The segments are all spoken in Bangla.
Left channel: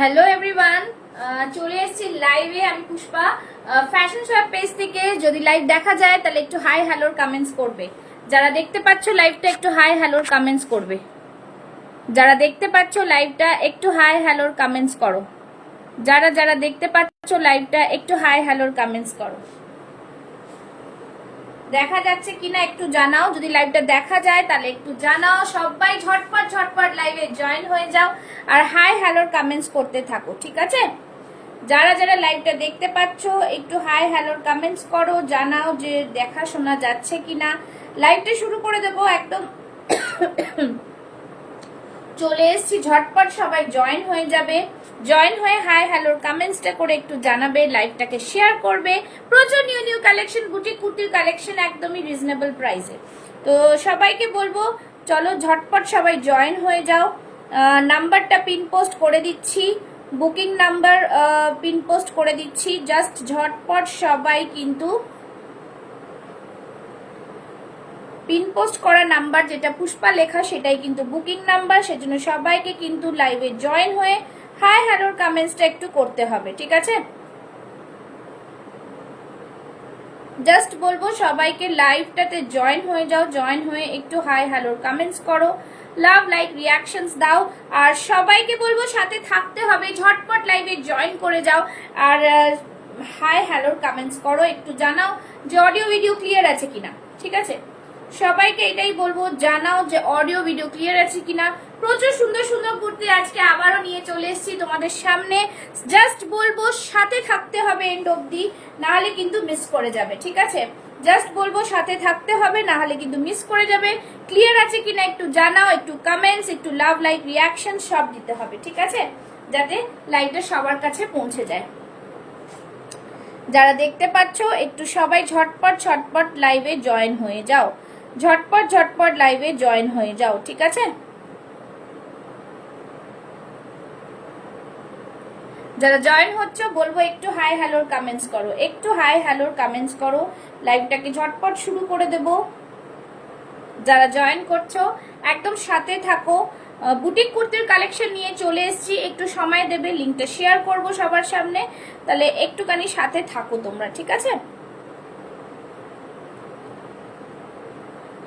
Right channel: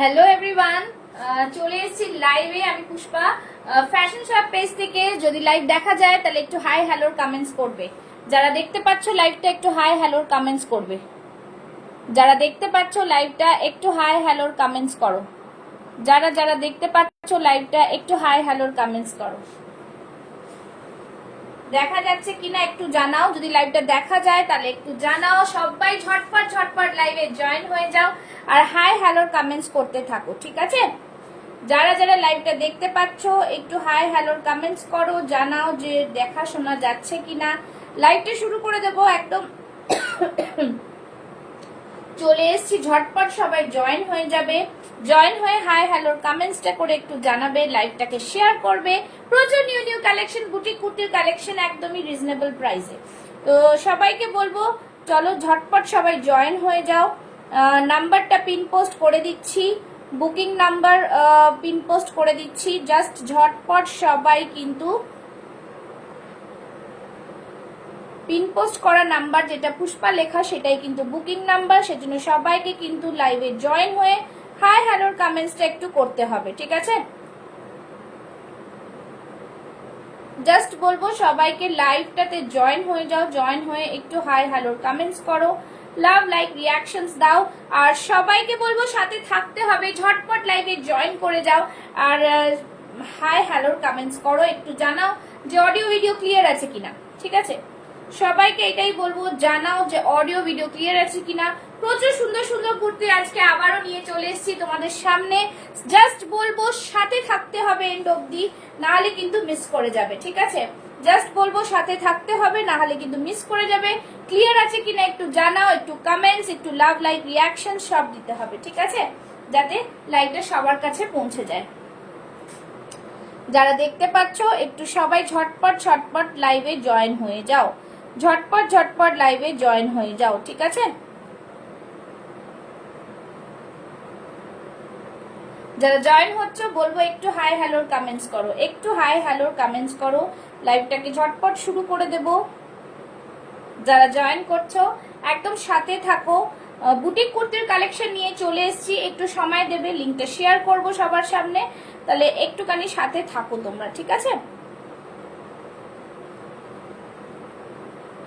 হ্যালো এভরিওয়ান, চলে এসেছি লাইভে। আমি পুষ্পা, ফ্যাশন শপ পেজ থেকে। যদি লাইভ দেখা যায় তাহলে একটু হাই হ্যালোর কমেন্টস করবে। যারা দেখতে পাচ্ছ লাইভটা একটু হাই হ্যালোর কমেন্টস করবে। যারা দেখতে পাচ্ছ লাইভটা একটু হাই হ্যালোর কমেন্টস করো। যারা যারা দেখতে পাচ্ছ লাইভটা একটু হাই হ্যালোর কমেন্টস করো। দেখা যাচ্ছে কিনা একটু জানাও। যদি লাইভটা দেখা যায় তাহলে একটু জানাও। সবাই ঝটপট ঝটপট লাইভে জয়েন হয়ে যাও আর হাই হ্যালোর কমেন্টস করতে থাকো, ঠিক আছে? যারা যারা লাইভটা দেখতে পাচ্ছ একটু হাই হ্যালোর কমেন্টস করো, জানাও যে দেখা শোনা যাচ্ছে কিনা। লাইভটা শুরু করে দেবো একদম। চলে এসছি, ঝটপট সবাই জয়েন হয়ে যাবে। জয়েন হয়ে হাই হ্যালোর কমেন্টসটা করে একটু জানাবে, লাইভটাকে শেয়ার করবে। প্রচুর নিউ নিউ কালেকশন, বুটিক কুর্তির কালেকশন একদমই রিজনেবল প্রাইসে। তো সবাইকে বলবো চলো ঝটপট সবাই জয়েন হয়ে যাও। নাম্বারটা পিন পোস্ট করে দিচ্ছি, বুকিং নাম্বার পিন পোস্ট করে দিচ্ছি। জাস্ট ঝটপট সবাই কিন্তু পিন পোস্ট করা নাম্বার যেটা পুষ্পা লেখা সেটাই কিন্তু বুকিং নাম্বার। সেজন্য সবাইকে কিন্তু লাইভে জয়েন হয়ে হাই হ্যালোর কমেন্টসটা একটু করতে হবে, ঠিক আছে? জাস্ট বলবো সবাইকে লাইভটাতে জয়েন হয়ে যাও, জয়েন হয়ে একটু হাই হ্যালোর কমেন্টস করো, লাভ লাইক রিয়াকশনস দাও। আর সবাইকে বলবো সাথে থাকতে হবে, ঝটপট লাইভে জয়েন করে যাও আর হাই হ্যালোর কমেন্টস করো। একটু জানাও যে অডিও ভিডিও ক্লিয়ার আছে কিনা, ঠিক আছে? সবাইকে এটাই বলবো, জানাও যে অডিও ভিডিও ক্লিয়ার আছে কিনা। প্রচুর সুন্দর সুন্দর কুর্তি আজকে আবারও নিয়ে চলে এসেছি তোমাদের সামনে। জাস্ট বলবো সাথে থাকতে হবে এন্ড অবধি, না হলে কিন্তু মিস করে যাবে, ঠিক আছে? জাস্ট বলবো সাথে থাকতে হবে, না হলে কিন্তু মিস করে যাবে। ক্লিয়ার আছে কিনা একটু জানাও, একটু কমেন্টস, একটু লাভ লাইক রিয়াকশন সব দিতে হবে, ঠিক আছে? যাতে লাইভটা সবার কাছে পৌঁছে যায়। যারা দেখতে পাচ্ছ একটু সবাই ঝটপট ঝটপট লাইভে জয়েন হয়ে যাও, ঝটপট ঝটপট লাইভে জয়েন হয়ে যাও, ঠিক আছে? যারা জয়েন হচ্ছে বলবো একটু হাই হ্যালোর কমেন্টস করো, একটু হাই হ্যালোর কমেন্টস করো। লাইভটাকে ঝটপট শুরু করে দেব। যারা জয়েন করছো একদম সাথে থাকো। বুটিক কুর্তির কালেকশন নিয়ে চলে এসেছি, একটু সময় দেবে, লিঙ্কটা শেয়ার করব সবার সামনে। তাহলে একটুখানি সাথে থাকো তোমরা, ঠিক আছে?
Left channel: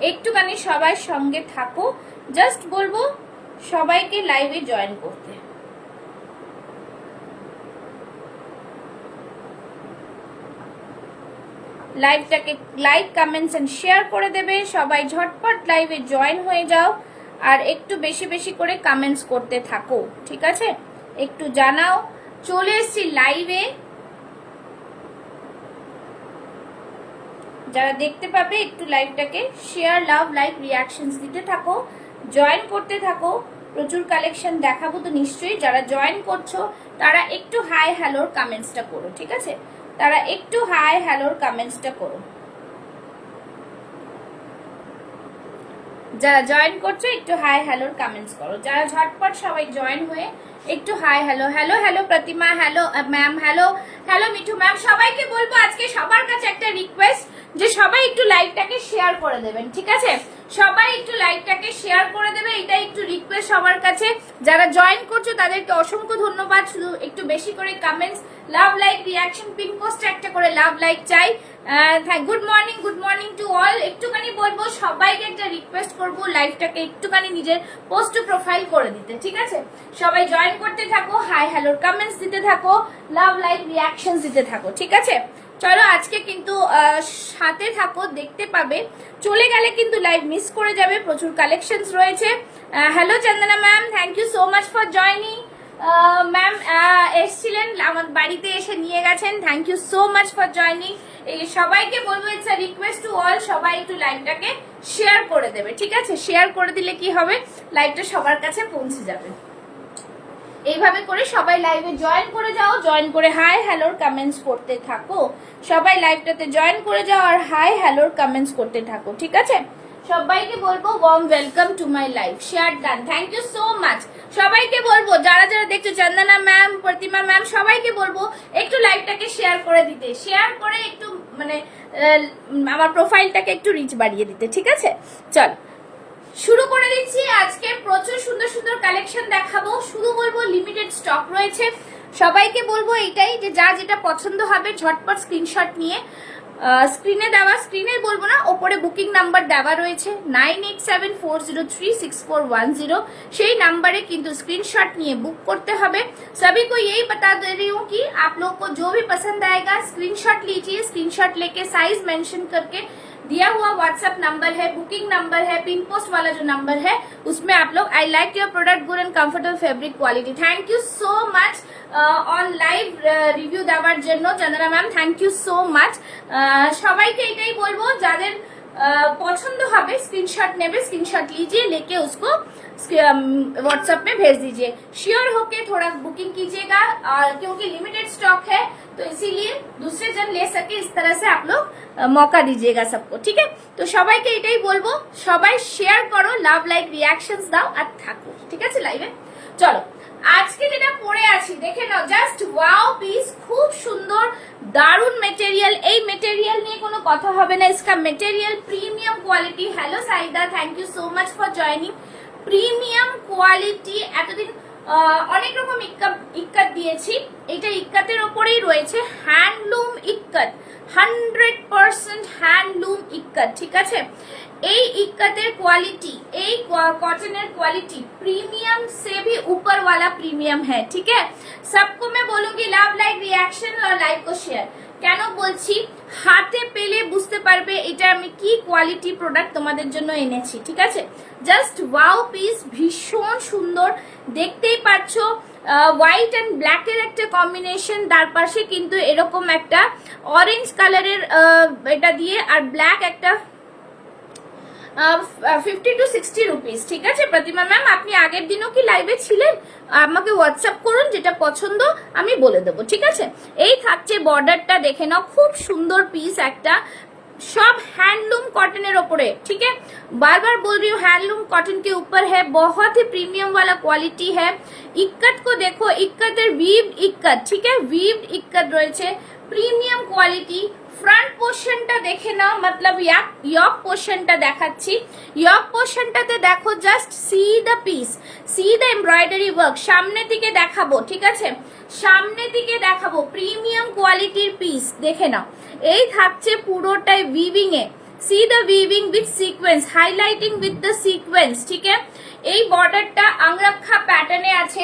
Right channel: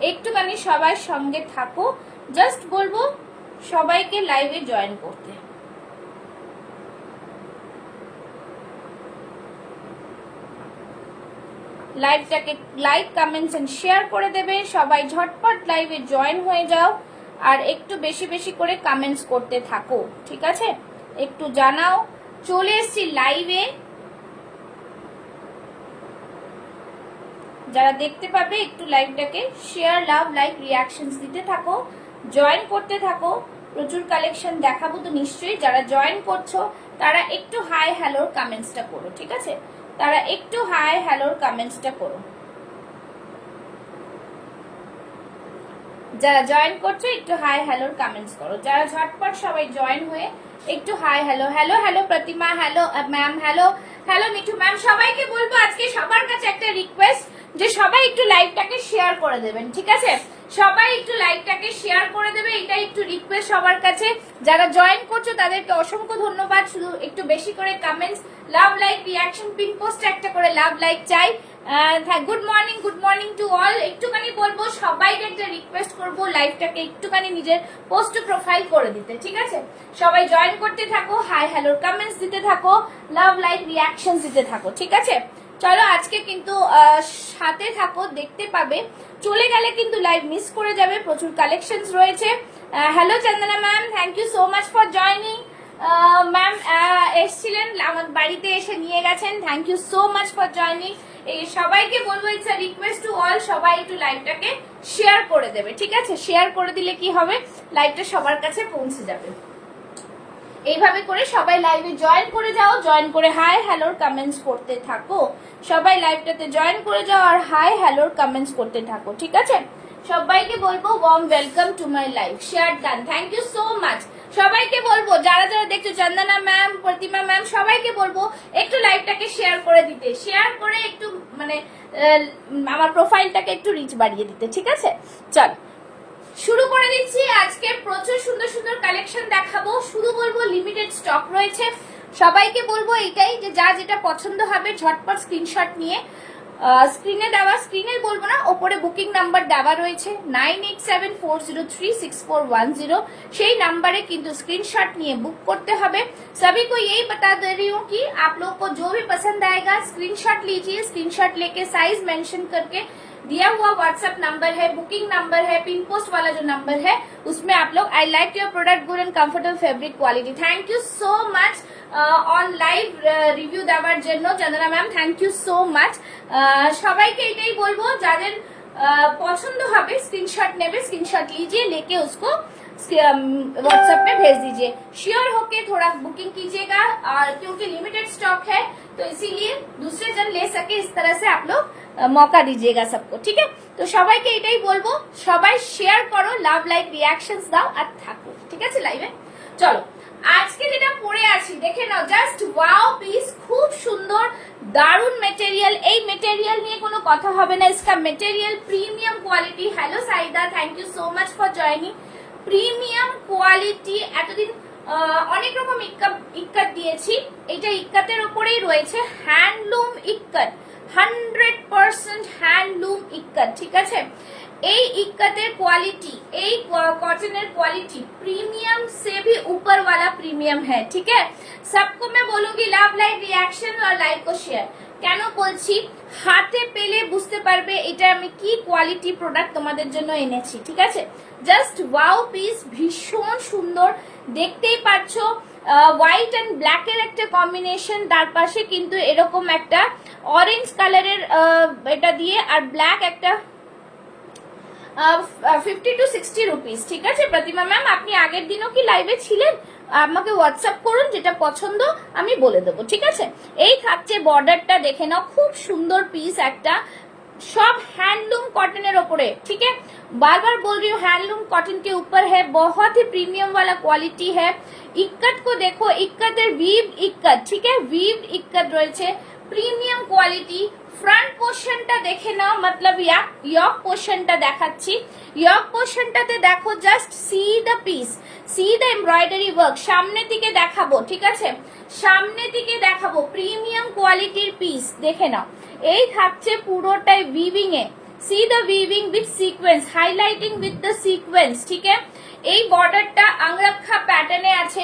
একটুখানি সবাই সঙ্গে থাকো। জাস্ট বলবো সবাইকে লাইভে জয়েন করতে। লাইভটাকে লাইক কমেন্টস এন্ড শেয়ার করে দেবে। সবাই ঝটপট লাইভে জয়েন হয়ে যাও আর একটু বেশি বেশি করে কমেন্টস করতে থাকো, ঠিক আছে? একটু জানাও চলে এসছি লাইভে। যারা দেখতে পাবে একটু লাইভটাকে শেয়ার, লাভ লাইক রিয়াকশনস দিতে থাকো, জয়েন করতে থাকো। প্রচুর কালেকশন দেখাবো তো নিশ্চয়ই। যারা জয়েন করছো তারা একটু হাই হ্যালোর কমেন্টসটা করো, ঠিক আছে? তারা একটু হাই হ্যালোর কমেন্টসটা করো। যারা জয়েন করছো একটু হাই হ্যালোর কমেন্টস করো। যারা ঝটপট সবাই জয়েন হয়ে একটু hi hello. Hello hello Pratima, hello ma'am, hello hello Mithu ma'am. সবাইকে বলবো আজকে সবার কাছে একটা রিকোয়েস্ট যে সবাই একটু লাইভটাকে শেয়ার করে দেবেন, ঠিক আছে? সবাই একটু লাইভটাকে শেয়ার করে দেবে, এটা একটু রিকোয়েস্ট সবার কাছে। যারা জয়েন করছো তাদেরকে অসংখ্য ধন্যবাদ। শুধু একটু বেশি করে কমেন্টস, লাভ লাইক রিয়াকশন, পিন পোস্ট একটা করে লাভ লাইক চাই। Good morning to all. একটুখানি বলবো সবাইকে একটা রিকোয়েস্ট করবো লাইভটাকে একটুখানি নিজের পোস্ট টু প্রোফাইল করে দিতে, ঠিক আছে? সবাই জয়েন করতে থাকো, হাই হ্যালোর কমেন্টস দিতে থাকো, লাভ লাইক রিয়াকশন দিতে থাকো, ঠিক আছে? চলো আজকে কিন্তু সাথে থাকো, দেখতে পাবে। চলে গেলে কিন্তু লাইভ মিস করে যাবে, প্রচুর কালেকশন রয়েছে। Hello Chandana ma'am, thank you so much for joining. Ma'am এসছিলেন, আমার বাড়িতে এসে নিয়ে গেছেন, thank you so much for joining. এই সবাইকে বলবো it's a request to all, সবাই একটু লাইভটাকে শেয়ার করে দেবে, ঠিক আছে? শেয়ার করে দিলে কি হবে, লাইভটা সবার কাছে পৌঁছে যাবে। এইভাবে করে সবাই লাইভে জয়েন করে যাও, জয়েন করে হাই হ্যালোর কমেন্টস করতে থাকো। সবাই লাইভটাতে জয়েন করে যাও আর হাই হ্যালোর কমেন্টস করতে থাকো, ঠিক আছে? সবাইকে বলবো warm welcome to my live. Share done, thank you so much. সবাইকে বলবো যারা যারা দেখছো, চন্দনা ম্যাম, প্রতিমা ম্যাম, সবাইকে বলবো একটু লাইভটাকে শেয়ার করে দিতে, শেয়ার করে একটু মানে আমার প্রোফাইলটাকে একটু রিচ বাড়িয়ে দিতে, ঠিক আছে? চল শুরু করে দিচ্ছি। আজকে প্রচুর সুন্দর সুন্দর কালেকশন দেখাবো। শুধু বলবো লিমিটেড স্টক রয়েছে। সবাইকে বলবো এটাই যে যা যেটা পছন্দ হবে ঝটপট স্ক্রিনশট নিয়ে স্ক্রিনে দেওয়া, স্ক্রিনে বলবো না, ওপরে বুকিং নাম্বার দেওয়া রয়েছে 9874036410, সেই নাম্বারে কিন্তু स्क्रीनशॉट নিয়ে বুক করতে হবে। सभी को यही बता दे रही हूँ कि आप लोग को जो भी पसंद आएगा स्क्रीनशॉट लीजिए, स्क्रीनशॉट लेके साइज मेंशन करके दिया हुआ व्हाट्सएप नंबर है, बुकिंग नंबर है, पिन पोस्ट वाला जो नंबर है उसमें आप लोग I like your product good and comfortable fabric quality. Thank you so much on live review দেওয়ার জন্য Chandana ma'am, thank you so much. সবাইকে এটাই বলবো যাদের पसंद হবে स्क्रीनशॉट नेबे, स्क्रीनशॉट लीजिए, लेके उसको व्हाट्सएप में भेज दीजिए। श्योर होके थोड़ा बुकिंग कीजिएगा और क्योंकि लिमिटेड स्टॉक है तो इसीलिए दूसरे जन ले सके, इस तरह से आप लोग मौका दीजिएगा सबको, ठीक है। तो সবাইকে এটাই বলবো, সবাই শেয়ার করো, লাভ লাইক রিঅ্যাকশনস দাও আর থাকো, ঠিক আছে লাইভে। চলো আজকে যেটা পরে আছি দেখে নাও, জাস্ট ওয়াও পিস, খুব সুন্দর দারুন মেটেরিয়াল। এই মেটেরিয়াল নিয়ে কোনো কথা হবে না, इसका material premium quality. Hello Saida, thank you so much for joining. Premium quality, এতদিন অনেক রকম ইক্কাত দিয়েছি, এটা ইক্কাতের উপরেই রয়েছে, হ্যান্ডলুম ইক্কাত, 100% হ্যান্ডলুম ইক্কাত, ঠিক আছে। এই इक्कतेर क्वालिटी, এই कॉटनेर क्वालिटी प्रीमियम से भी ऊपर वाला प्रीमियम है, ठीक है। सबको मैं बोलूंगी लव लाइक रिएक्शन और लाइक को शेयर। কেন বলছি, হাতে পেলে বুঝতে পারবে এটা আমি কি কোয়ালিটি প্রোডাক্ট তোমাদের জন্য এনেছি, ঠিক আছে। জাস্ট ওয়াও পিস, ভীষণ সুন্দর, দেখতেই পাচ্ছো হোয়াইট এন্ড ব্ল্যাক এর একটা কম্বিনেশন, তার পাশে কিন্তু এরকম একটা অরেঞ্জ কালারের এটা দিয়ে, আর ব্ল্যাক একটা 50 to 60 রুপিস, ঠিক আছে। প্রতিমা ম্যাম আপনি আগের দিনও কি লাইভে ছিলেন, আমাকে হোয়াটসঅ্যাপ করুন, যেটা পছন্দ আমি বলে দেবো, ঠিক আছে। এই থাকছে বর্ডারটা, দেখে নাও, খুব সুন্দর পিস একটা, सब हैंडलूम कॉटन ओपरे, ठीक है। बार बार बोल रही हूँ हैंडलूम कॉटन के ऊपर है, बहुत ही प्रीमियम वाला क्वालिटी है। इक्कत को देखो, इक्कतेर वीव्ड इक्कत, ठीक है, वीव्ड इक्कत रयेछे, प्रीमियम क्वालिटी। फ्रंट पोर्शनটা দেখে নাও, मतलब यक पोर्शनটা দেখাচ্ছি। यक পোর্শনটাতে দেখো, just see the piece, C the embroidery work. সামনে দিকে দেখাবো, ঠিক আছে, সামনে দিকে দেখাবো, প্রিমিয়াম কোয়ালিটির পিস, দেখে নাও। এই থাকছে পুরোটাই weaving A, C the weaving with sequence, highlighting with the sequence, ঠিক আছে। এই বর্ডারটা আংরাক্ষা প্যাটার্নে আছে,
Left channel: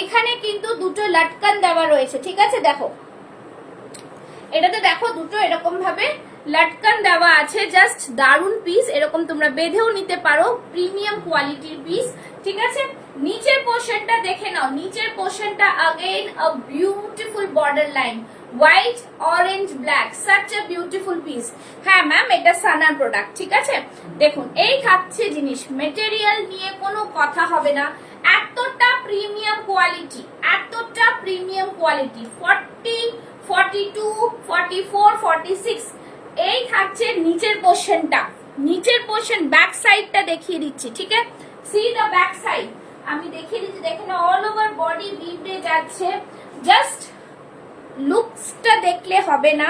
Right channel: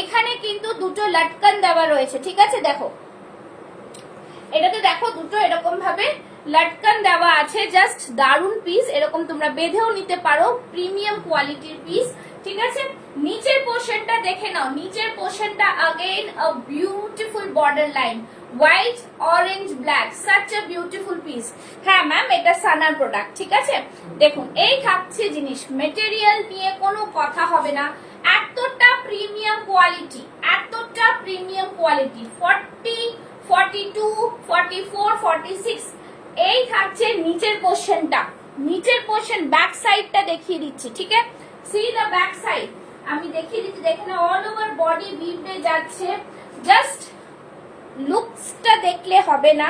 এখানে কিন্তু দুটো লটকন দেওয়া রয়েছে, ঠিক আছে। দেখো এটাতে দেখো দুটো এরকম ভাবে লটকন দেওয়া আছে, জাস্ট দারুন পিস, এরকম তোমরা বেঁধেও নিতে পারো, প্রিমিয়াম কোয়ালিটির পিস, ঠিক আছে। নিচের পোর্শনটা দেখে নাও, নিচের পোর্শনটা again a beautiful border line, white orange black, such a beautiful piece. হ্যাঁ ম্যাম এটা সানার প্রোডাক্ট, ঠিক আছে। দেখুন এই থাকছে জিনিস, মেটেরিয়াল নিয়ে কোনো কথা হবে না, এতটা প্রিমিয়াম কোয়ালিটি, এতটা প্রিমিয়াম কোয়ালিটি। 40, 42, 44, 46 এই থাকছে নিচের পোর্শনটা। নিচের পোর্শন ব্যাক সাইডটা দেখিয়ে দিচ্ছি, ঠিক আছে। সি দ্য ব্যাক সাইড আমি দেখিয়ে দিচ্ছি, দেখেন অল ওভার বডি উইভডে যাচ্ছে। জাস্ট লুকসটা দেখলে হবে না,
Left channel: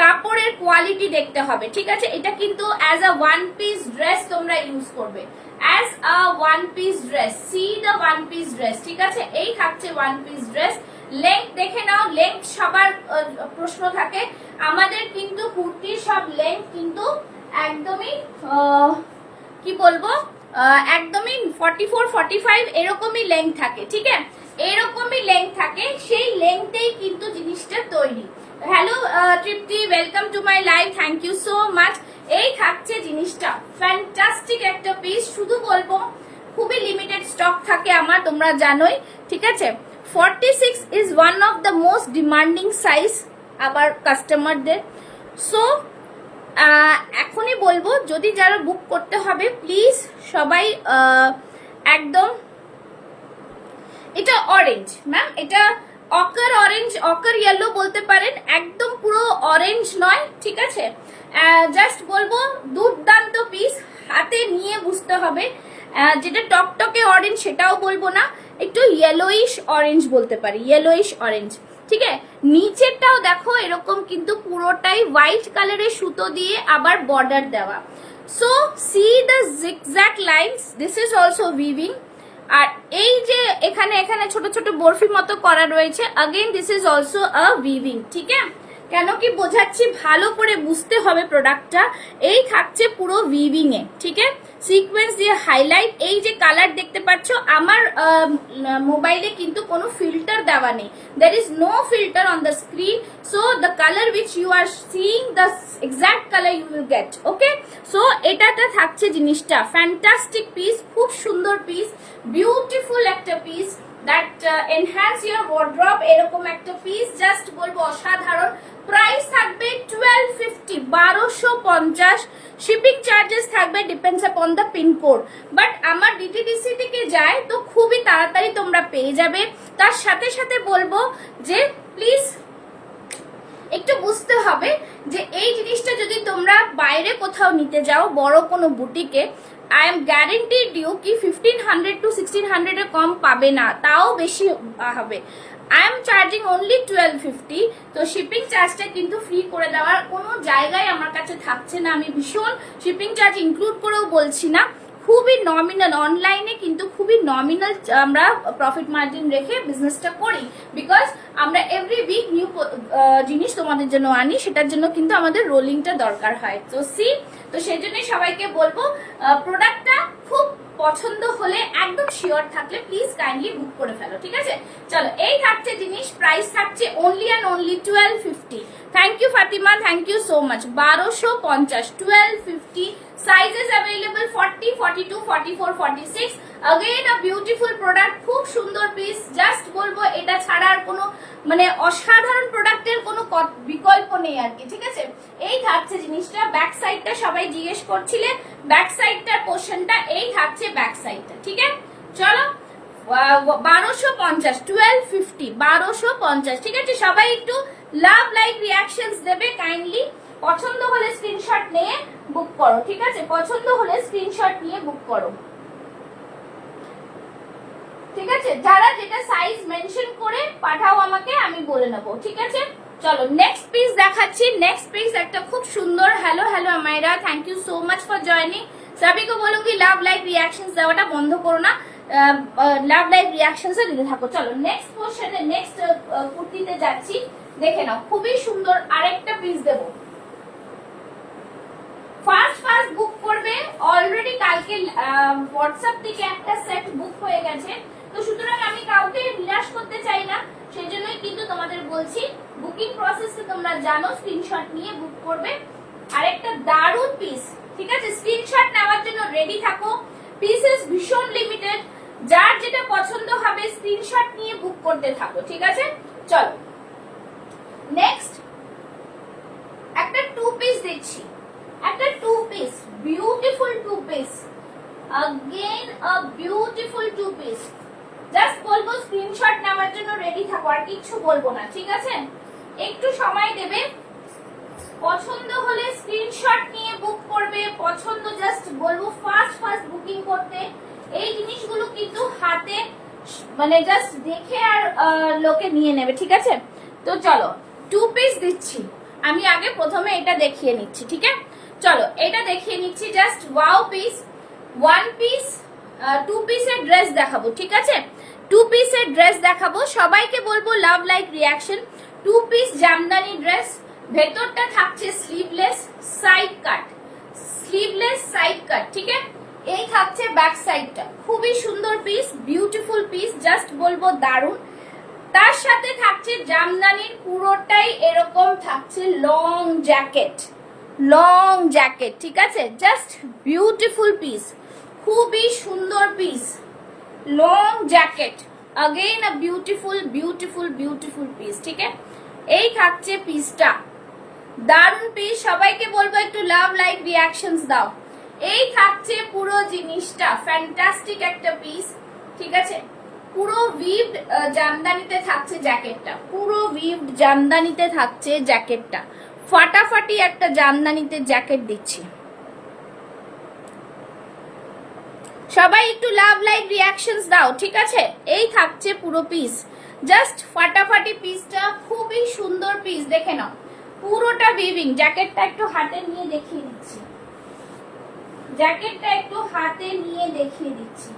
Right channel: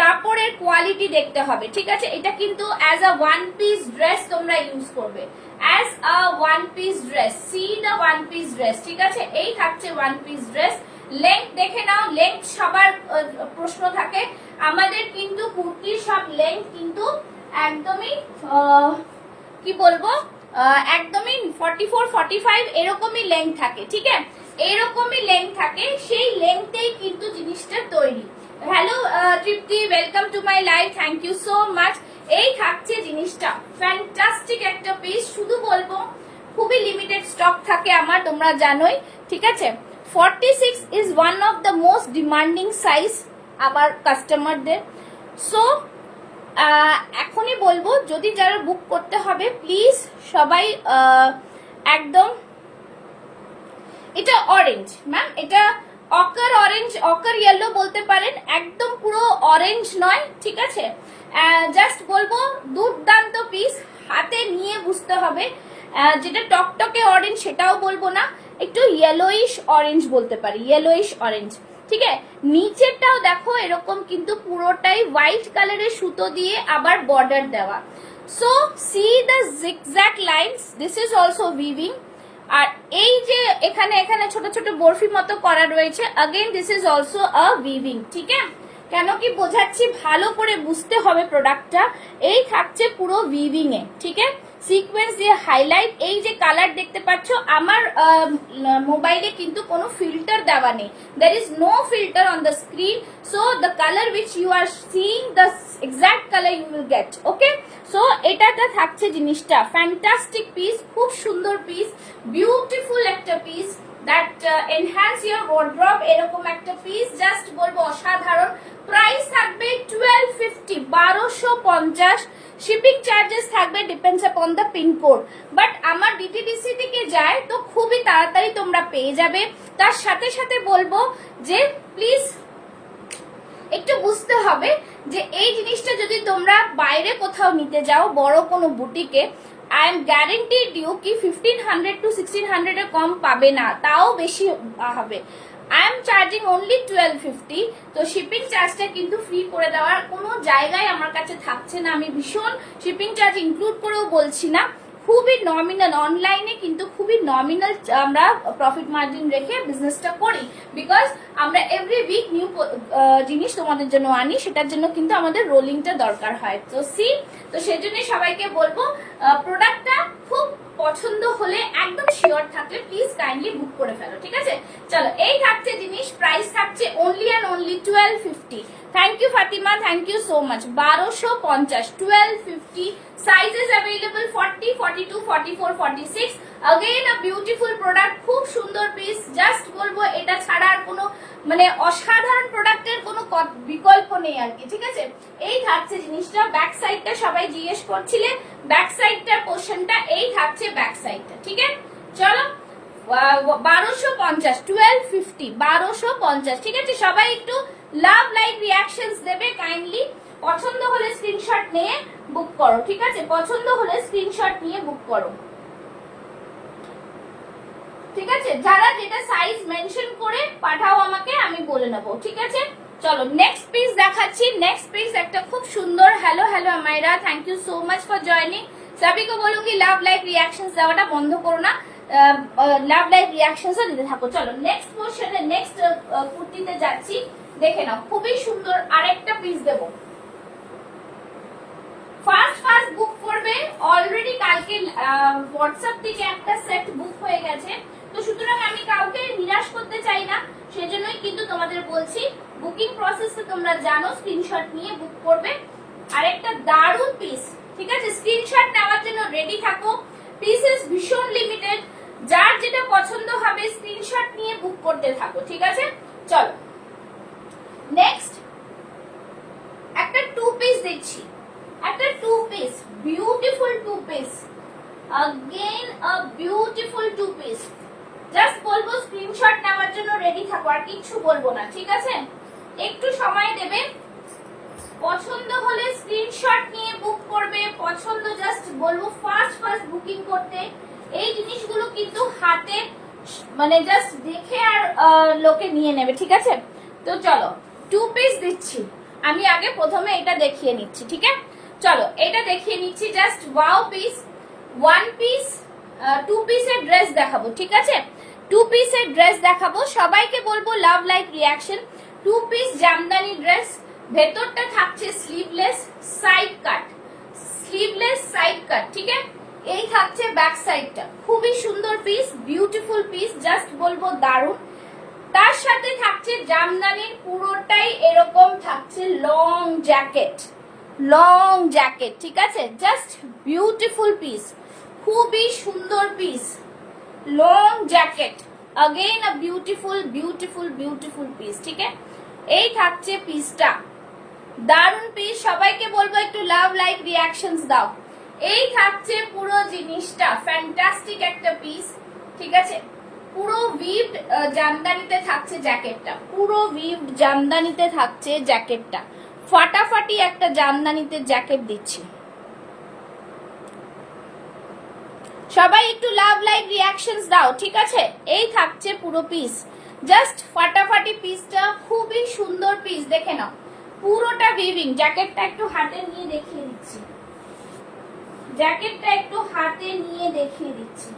কাপড়ের কোয়ালিটি দেখতে হবে, ঠিক আছে। এটা কিন্তু as a one piece dress তোমরা ইউজ করবে, as a one piece dress, C the one piece dress, ঠিক আছে। এই থাকছে ওয়ান পিস ড্রেস। লেংথ দেখে নাও, লেংথ সবার প্রশ্ন থাকে, আমাদের কিন্তু কুর্তির সব লেংথ কিন্তু একদমই কি বলবো, একদমই 44, 45 এরকমই লেংথ থাকে, ঠিক আছে, এরকমই লেংথ থাকে, সেই লেংথেই কিন্তু জিনিসটা তৈরি। Hello Tripti, welcome to my live, thank you so much. এই থাকছে জিনিসটা, ফ্যান্টাস্টিক একটা পিস, শুধু বলবো খুবই লিমিটেড স্টক থাকে আমার, তোমরা জানোই, ঠিক আছে। 46 is one of the most demanding size আবার কাস্টমারদের। সো এখনই বলবো যদি যারা বুক করতে হবে প্লিজ সবাই একদম, এটা অরেঞ্জ ম্যাম, এটা অকার অরেঞ্জ, অকার ইয়েলো বলতে পারেন, একদম পুরো অরেঞ্জ নয়, ঠিক আছে। জাস্ট বলবো দুর্দান্ত পিস, হাতে নিয়ে বুঝতে হবে। যেটা টকটকে অরেঞ্জ সেটাও বলবো না, একটু ইয়েলোইশ অরেঞ্জ বলতে পারি, ইয়েলোইশ অরেঞ্জ, ঠিক আছে। নিচেরটাও দেখো এরকম কিন্তু পুরোটাই হোয়াইট কালারের সুতো দিয়ে আবার বর্ডার দেওয়া। So see the zigzag lines, this is also weaving. আর এই যে এখানে এখানে ছোট ছোট বরফি মতো করা রয়েছে, again this is also a weaving. ঠিক আছে, কেন কি বোঝাচ্ছি ভালো করে বুঝতে হবে প্রোডাক্টটা। এই থাকছে পুরো উইভিং এ, ঠিক আছে, সিকোয়েন্স দিয়ে হাইলাইট। এই যে কালার দেখতে পাচ্ছ, আমার মোবাইলে কিন্তু কোনো ফিল্টার দেওয়া নেই, there is no filter on the screen, so the color which you are seeing, the exact color you will get, okay? so এটাতে থাকছে জিনিসটা, ফ্যান্টাস্টিক পিস, খুব সুন্দর পিস, বিউটিফুল একটা piece, that enhance your wardrobe, এরকম একটা পিস, জাস্ট বলবো অসাধারণ। প্রাইস থাকবে 1250, 1250। শিপিং চার্জেস থাকবে depends upon the pincode, but আমার ডিটিডিসি থেকে যায় তো খুবই তাড়াতাড়ি তোমরা পেয়ে যাবে। তার সাথে সাথে বলবো যে প্লিজ একটু বুঝতে হবে যে এই জিনিসটা যদি তোমরা বাইরে কোথাও নিতে যাও, বড় কোনো বুটিকে, আই এম গ্যারেন্টিড ইউ কি 1500 to 1600 এর কম পাবে না, তাও বেশি হবে। আই এম চার্জিং অনলি 1250, তো শিপিং চার্জটা কিন্তু ফ্রি করে দেওয়ার কোনো জায়গায় আমার কাছে থাকছে না। আমি ভীষণ শিপিং চার্জ ইনক্লুড করেও বলছি না, খুবই নমিনাল, অনলাইনে কিন্তু খুবই নমিনাল আমরা প্রফিট মার্জিন রেখে বিজনেসটা করি, বিকজ আমরা এভরি উইক নিউ জিনিস তোমাদের জন্য আনি, সেটার জন্য কিন্তু আমাদের রোলিংটা দরকার হয়। তো তো সেই জন্য সবাইকে বলবো প্রোডাক্টটা খুব পছন্দ হলে, একদম শিওর থাকলে প্লিজ কাইন্ডলি বুক করে ফেলো, ঠিক আছে? চলো, এই থাকছে জিনিস, প্রাইস থাকছে only and only 1250। Thank you Fatima, thank you so much. 1250, 1250। Sizes available 40, 42, 44, 46। Again a beautiful product, খুব সুন্দর পিস, জাস্ট বলবো এটা ছাড়া আর কোনো মানে অসাধারণ প্রোডাক্টের কোনো বিকল্প নেই আর কি, ঠিক আছে? এই থাকছে জিনিসটা, ব্যাক সাইডটা সবাই জিজ্ঞেস করছিলে, ব্যাক সাইডটার পোর্শনটা এই থাকছে, ব্যাক সাইডটা, ঠিক আছে? চলো, 1250, 1250, 1250, ঠিক আছে? সবাই একটু লাভ লাইক রিয়াকশনস দেবে কাইন্ডলি। পছন্দ হলে স্ক্রিনশট নিয়ে বুক করো, ঠিক আছে? পছন্দ হলে স্ক্রিনশট নিয়ে বুক করো, ঠিক আছে? যারা যেটা সাইজ মেনশন করে পাঠাও আমাকে, আমি বলে নেবো, ঠিক আছে? চলো, নেক্সট পিস দেখাচ্ছি। নেক্সট পিস একটা খুব সুন্দর। Hello hello Amaira, thank you so much for joining. সবাইকে বলো কি লাভ লাইক রিয়াকশনস দেওয়াটা বন্ধ করো না, লাভ লাইক রিয়াকশনস দিতে থাকো। চলো, নেক্সট পোর্শনে, নেক্সট কুর্তিতে যাচ্ছি, দেখে নাও, খুবই সুন্দর আরেকটা পিস দেবো। ফার্স্ট বুক করবে, অলরেডি কালকে হোয়াটসঅ্যাপ থেকে একটা সেট বুক হয়ে গেছে, তো সুতরাং আমি কাউকে নিরাশ করতে চাই না, সেজন্যই কিন্তু তোমাদের বলছি বুকিং প্রসেসে তোমরা জানো, স্ক্রিনশট নিয়ে বুক করবে। আর একটা দারুণ পিস, ঠিক আছে? স্ক্রিনশট নেওয়ার জন্য রেডি থাকো, পিসেস ভীষণ লিমিটেড, যার যেটা পছন্দ হবে স্ক্রিনশট নিয়ে বুক করতে থাকো, ঠিক আছে? চলো, নেক্সট একটা টু পিস দিচ্ছি, একটা two piece, beautiful two piece, again a beautiful two piece. Just বলবো স্ক্রিনশট নেওয়ার জন্য রেডি থাকো, আর কিছু বলবো না, ঠিক আছে? একটু সময় দেবে, পছন্দ হলে স্ক্রিনশট নিয়ে বুক করবে, পছন্দ জাস্ট বলবো ফার্স্ট বুকিং করতে। এই জিনিসগুলো কিন্তু হাতে মানে জাস্ট দেখে আর লোকে নিয়ে নেবে, ঠিক আছে? তো চলো, টু পিস দিচ্ছি, আমি আগে প্রথমে এটা দেখিয়ে নিচ্ছি, ঠিক আছে? চলো, এটা দেখিয়ে নিচ্ছি, just wow piece, one piece, two পিসের ড্রেস দেখাবো, ঠিক আছে? টু পিসের ড্রেস দেখাবো, সবাইকে বলবো love like reaction. Two piece jamdani dress, ভেতরটা থাকছে sleeveless side cut, sleeveless side cut, ঠিক আছে? এই থাকছে ব্যাক সাইডটা, খুবই সুন্দর পিস, বিউটিফুল পিস, জাস্ট বলবো দারুণ। তার সাথে থাকছে জামদানির পুরোটাই এরকম থাকছে লং জ্যাকেট, লং জ্যাকেট, ঠিক আছে? জাস্ট বিউটিফুল পিস, খুবই সুন্দর piece, long jacket, again a beautiful beautiful beautiful piece, ঠিক আছে? এই থাকছে পিসটা, দারুণ পিস, সবাইকে বলবো একটু লাভ লাইক রিয়াকশনস দাও। এই থাকছে পুরো জিনিসটা, ফ্যান্টাস্টিক একটা পিস, ঠিক আছে? পুরো উইভড জামদানিতে থাকছে জ্যাকেটটা, পুরো উইভড জামদানিতে থাকছে জ্যাকেটটা, ফাটাফাটি একটা জামদানিতে জ্যাকেট দিচ্ছি। সবাই একটু লাভ লাইক রিয়াকশনস দাও, ঠিক আছে? এই থাকছে পুরো পিস, জাস্ট ফাটাফাটি পিসটা, খুবই সুন্দর পিস, দেখে নাও পুরোটা উইভিং। জ্যাকেটটা একটু হাতে নিয়ে দেখিয়ে দিচ্ছি, জ্যাকেটটা একটু হাতে নিয়ে দেখিয়ে দিচ্ছি।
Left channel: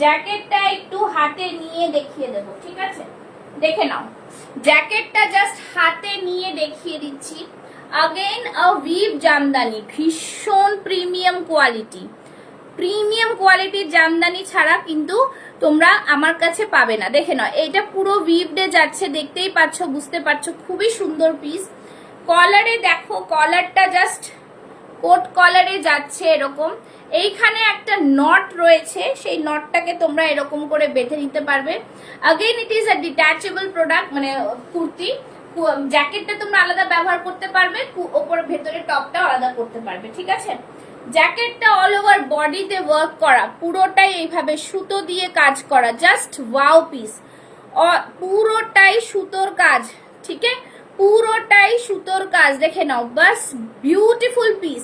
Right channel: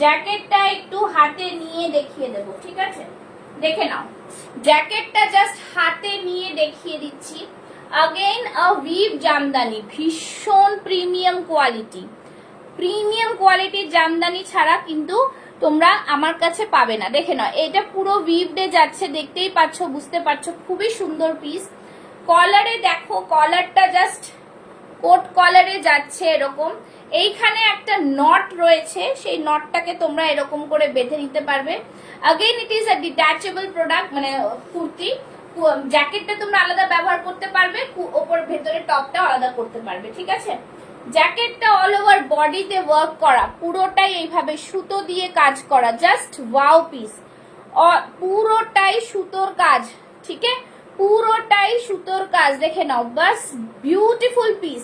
জ্যাকেটটা একটু হাতে নিয়ে দেখিয়ে দেব, ঠিক আছে? দেখে নাও, জ্যাকেটটা জাস্ট হাতে নিয়ে দেখিয়ে দিচ্ছি। अगेन अ वीव জামদানি, ভীষণ প্রিমিয়াম কোয়ালিটি। প্রিমিয়াম কোয়ালিটির জামদানি ছাড়া কিন্তু তোমরা আমার কাছে পাবে না। দেখে নাও, এটা পুরো উইভডে যাচ্ছে, দেখতেই পাচ্ছ, বুঝতে পারছো, খুবই সুন্দর পিস। কলারে দেখো, কলারটা জাস্ট কোট কলারে যাচ্ছে এরকম। এইখানে একটা নট রয়েছে, সেই নটটাকে তোমরা এরকম করে বেঁধে নিতে পারবে। Again it is a detachable product, মানে কুর্তি। জ্যাকেটটা তোমরা আলাদা ব্যবহার করতে পারবে, ওপর ভেতরে টপটা আলাদা করতে পারবে, ঠিক আছে? জ্যাকেটটা অল ওভার বডিতে ওয়ার্ক করা, পুরোটাই এইভাবে সুতো দিয়ে কাজ করা, জাস্ট ওয়াও পিস। পুরোটাই সুতোর কাজ, ঠিক আছে? পুরোটাই সুতোর কাজ, দেখে নাও, বাস বিউটিফুল পিস।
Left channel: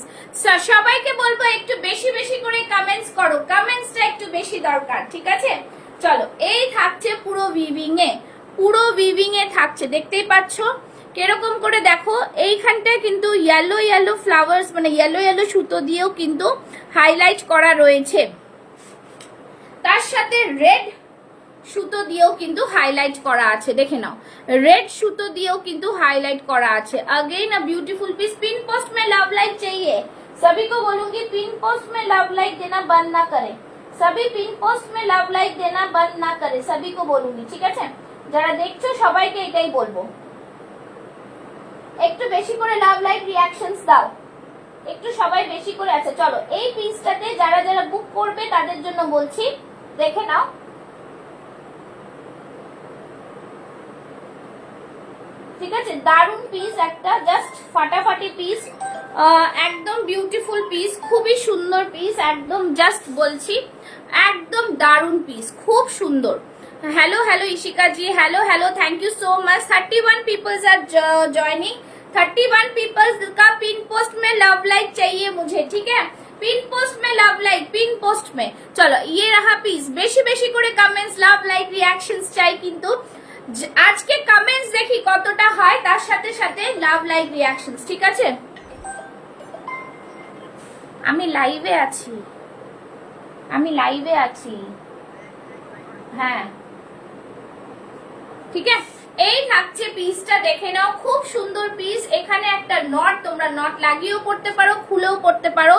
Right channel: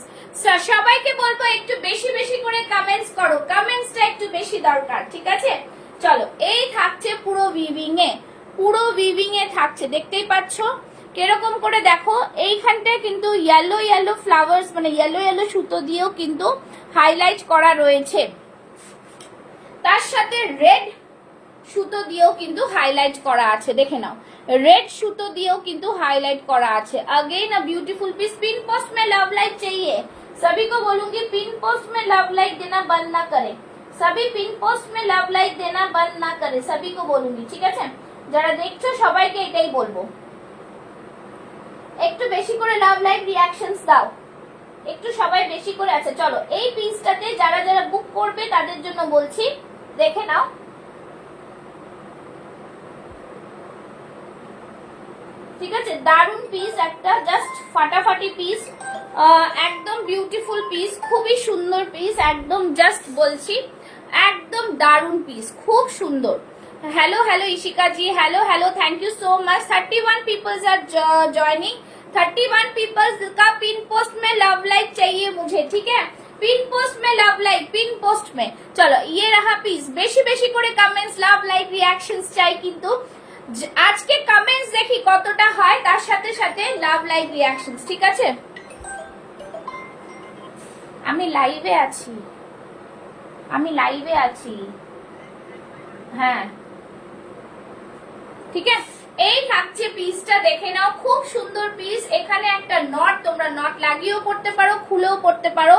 সবাইকে বলবো একটু বেশি বেশি করে কমেন্টস করো, কমেন্টসটা একটু বেশি দরকার, ঠিক আছে? চলো, এই থাকছে পুরো উইভিং এ, পুরো উইভিং এ থাকছে, দেখতেই পাচ্ছ কিরকম করে। দেখো এইখানটায় কিন্তু ইয়েলো ইয়েলো ফ্লাওয়ার্স, মানে ইয়েলো ইয়েলো সুতো দিয়েও কিন্তু হাইলাইট করা রয়েছে, তার সাথে রেড সুতো দিয়েও কিন্তু হাইলাইট করা আছে, দেখে নাও, रेड সুতো দিয়েও কিন্তু हाईलाइट करा আছে। Again a beautiful piece. Pin post में लव लाइक चाहिए, सभी को बोलूंगी पिन पोस्ट में लव लाइक देना बंद ना करे, सभी पिन पोस्ट में लव लाइक देना बंद ना करे, सभी को बोलूंगी, ঠিক আছে? যারা দেখছো সবাইকে এটাই বলবো, একটু বেশি করে লাভ লাইক রিঅ্যাকশনস দাও, একটু সবাই বেশি করে। আছে, চলো এই পিসটাতে যারা যারা বুক করবে তাদের জন্য বলছি, দেখে নাও, ঠিক আছে? দারুন পিস একটা, জাস্ট ফাটাফাটি পিস, একদম বিউটিফুল পিস, খুবই সুন্দর পিস, একদম জাস্ট বলছি একদম দারুন পিস, খুব সুন্দর। Hello hello Ishika ji, hello hello, thank you so much. 31 peoples are joining, 31 peoples का पिन पोस्ट में लव लाइक चाहिए मुझे, ठीक है? पिन पोस्ट में लव लाइक, पिन पोस्ट में। चलो ये रहा पिस, बेशी बेशी করে কমেন্টস, লাভ লাইক রিঅ্যাকশনস চাই, কিন্তু আজকে কমেন্টস দেখি কতটা হয়, তার সাথে সাথে লাভ লাইক রিঅ্যাকশনস, ঠিক আছে? আমি লাইভে আছি, আমি লাইভে আছি, হ্যাঁ, ঠিক আছে? এই থাকছে পিসটা, দেখে নাও, খুব সুন্দর পিস। এখানে একটা নট, তোমরা নট লাগিয়েও পড়তে পারো, খুলেও পড়তে পারো,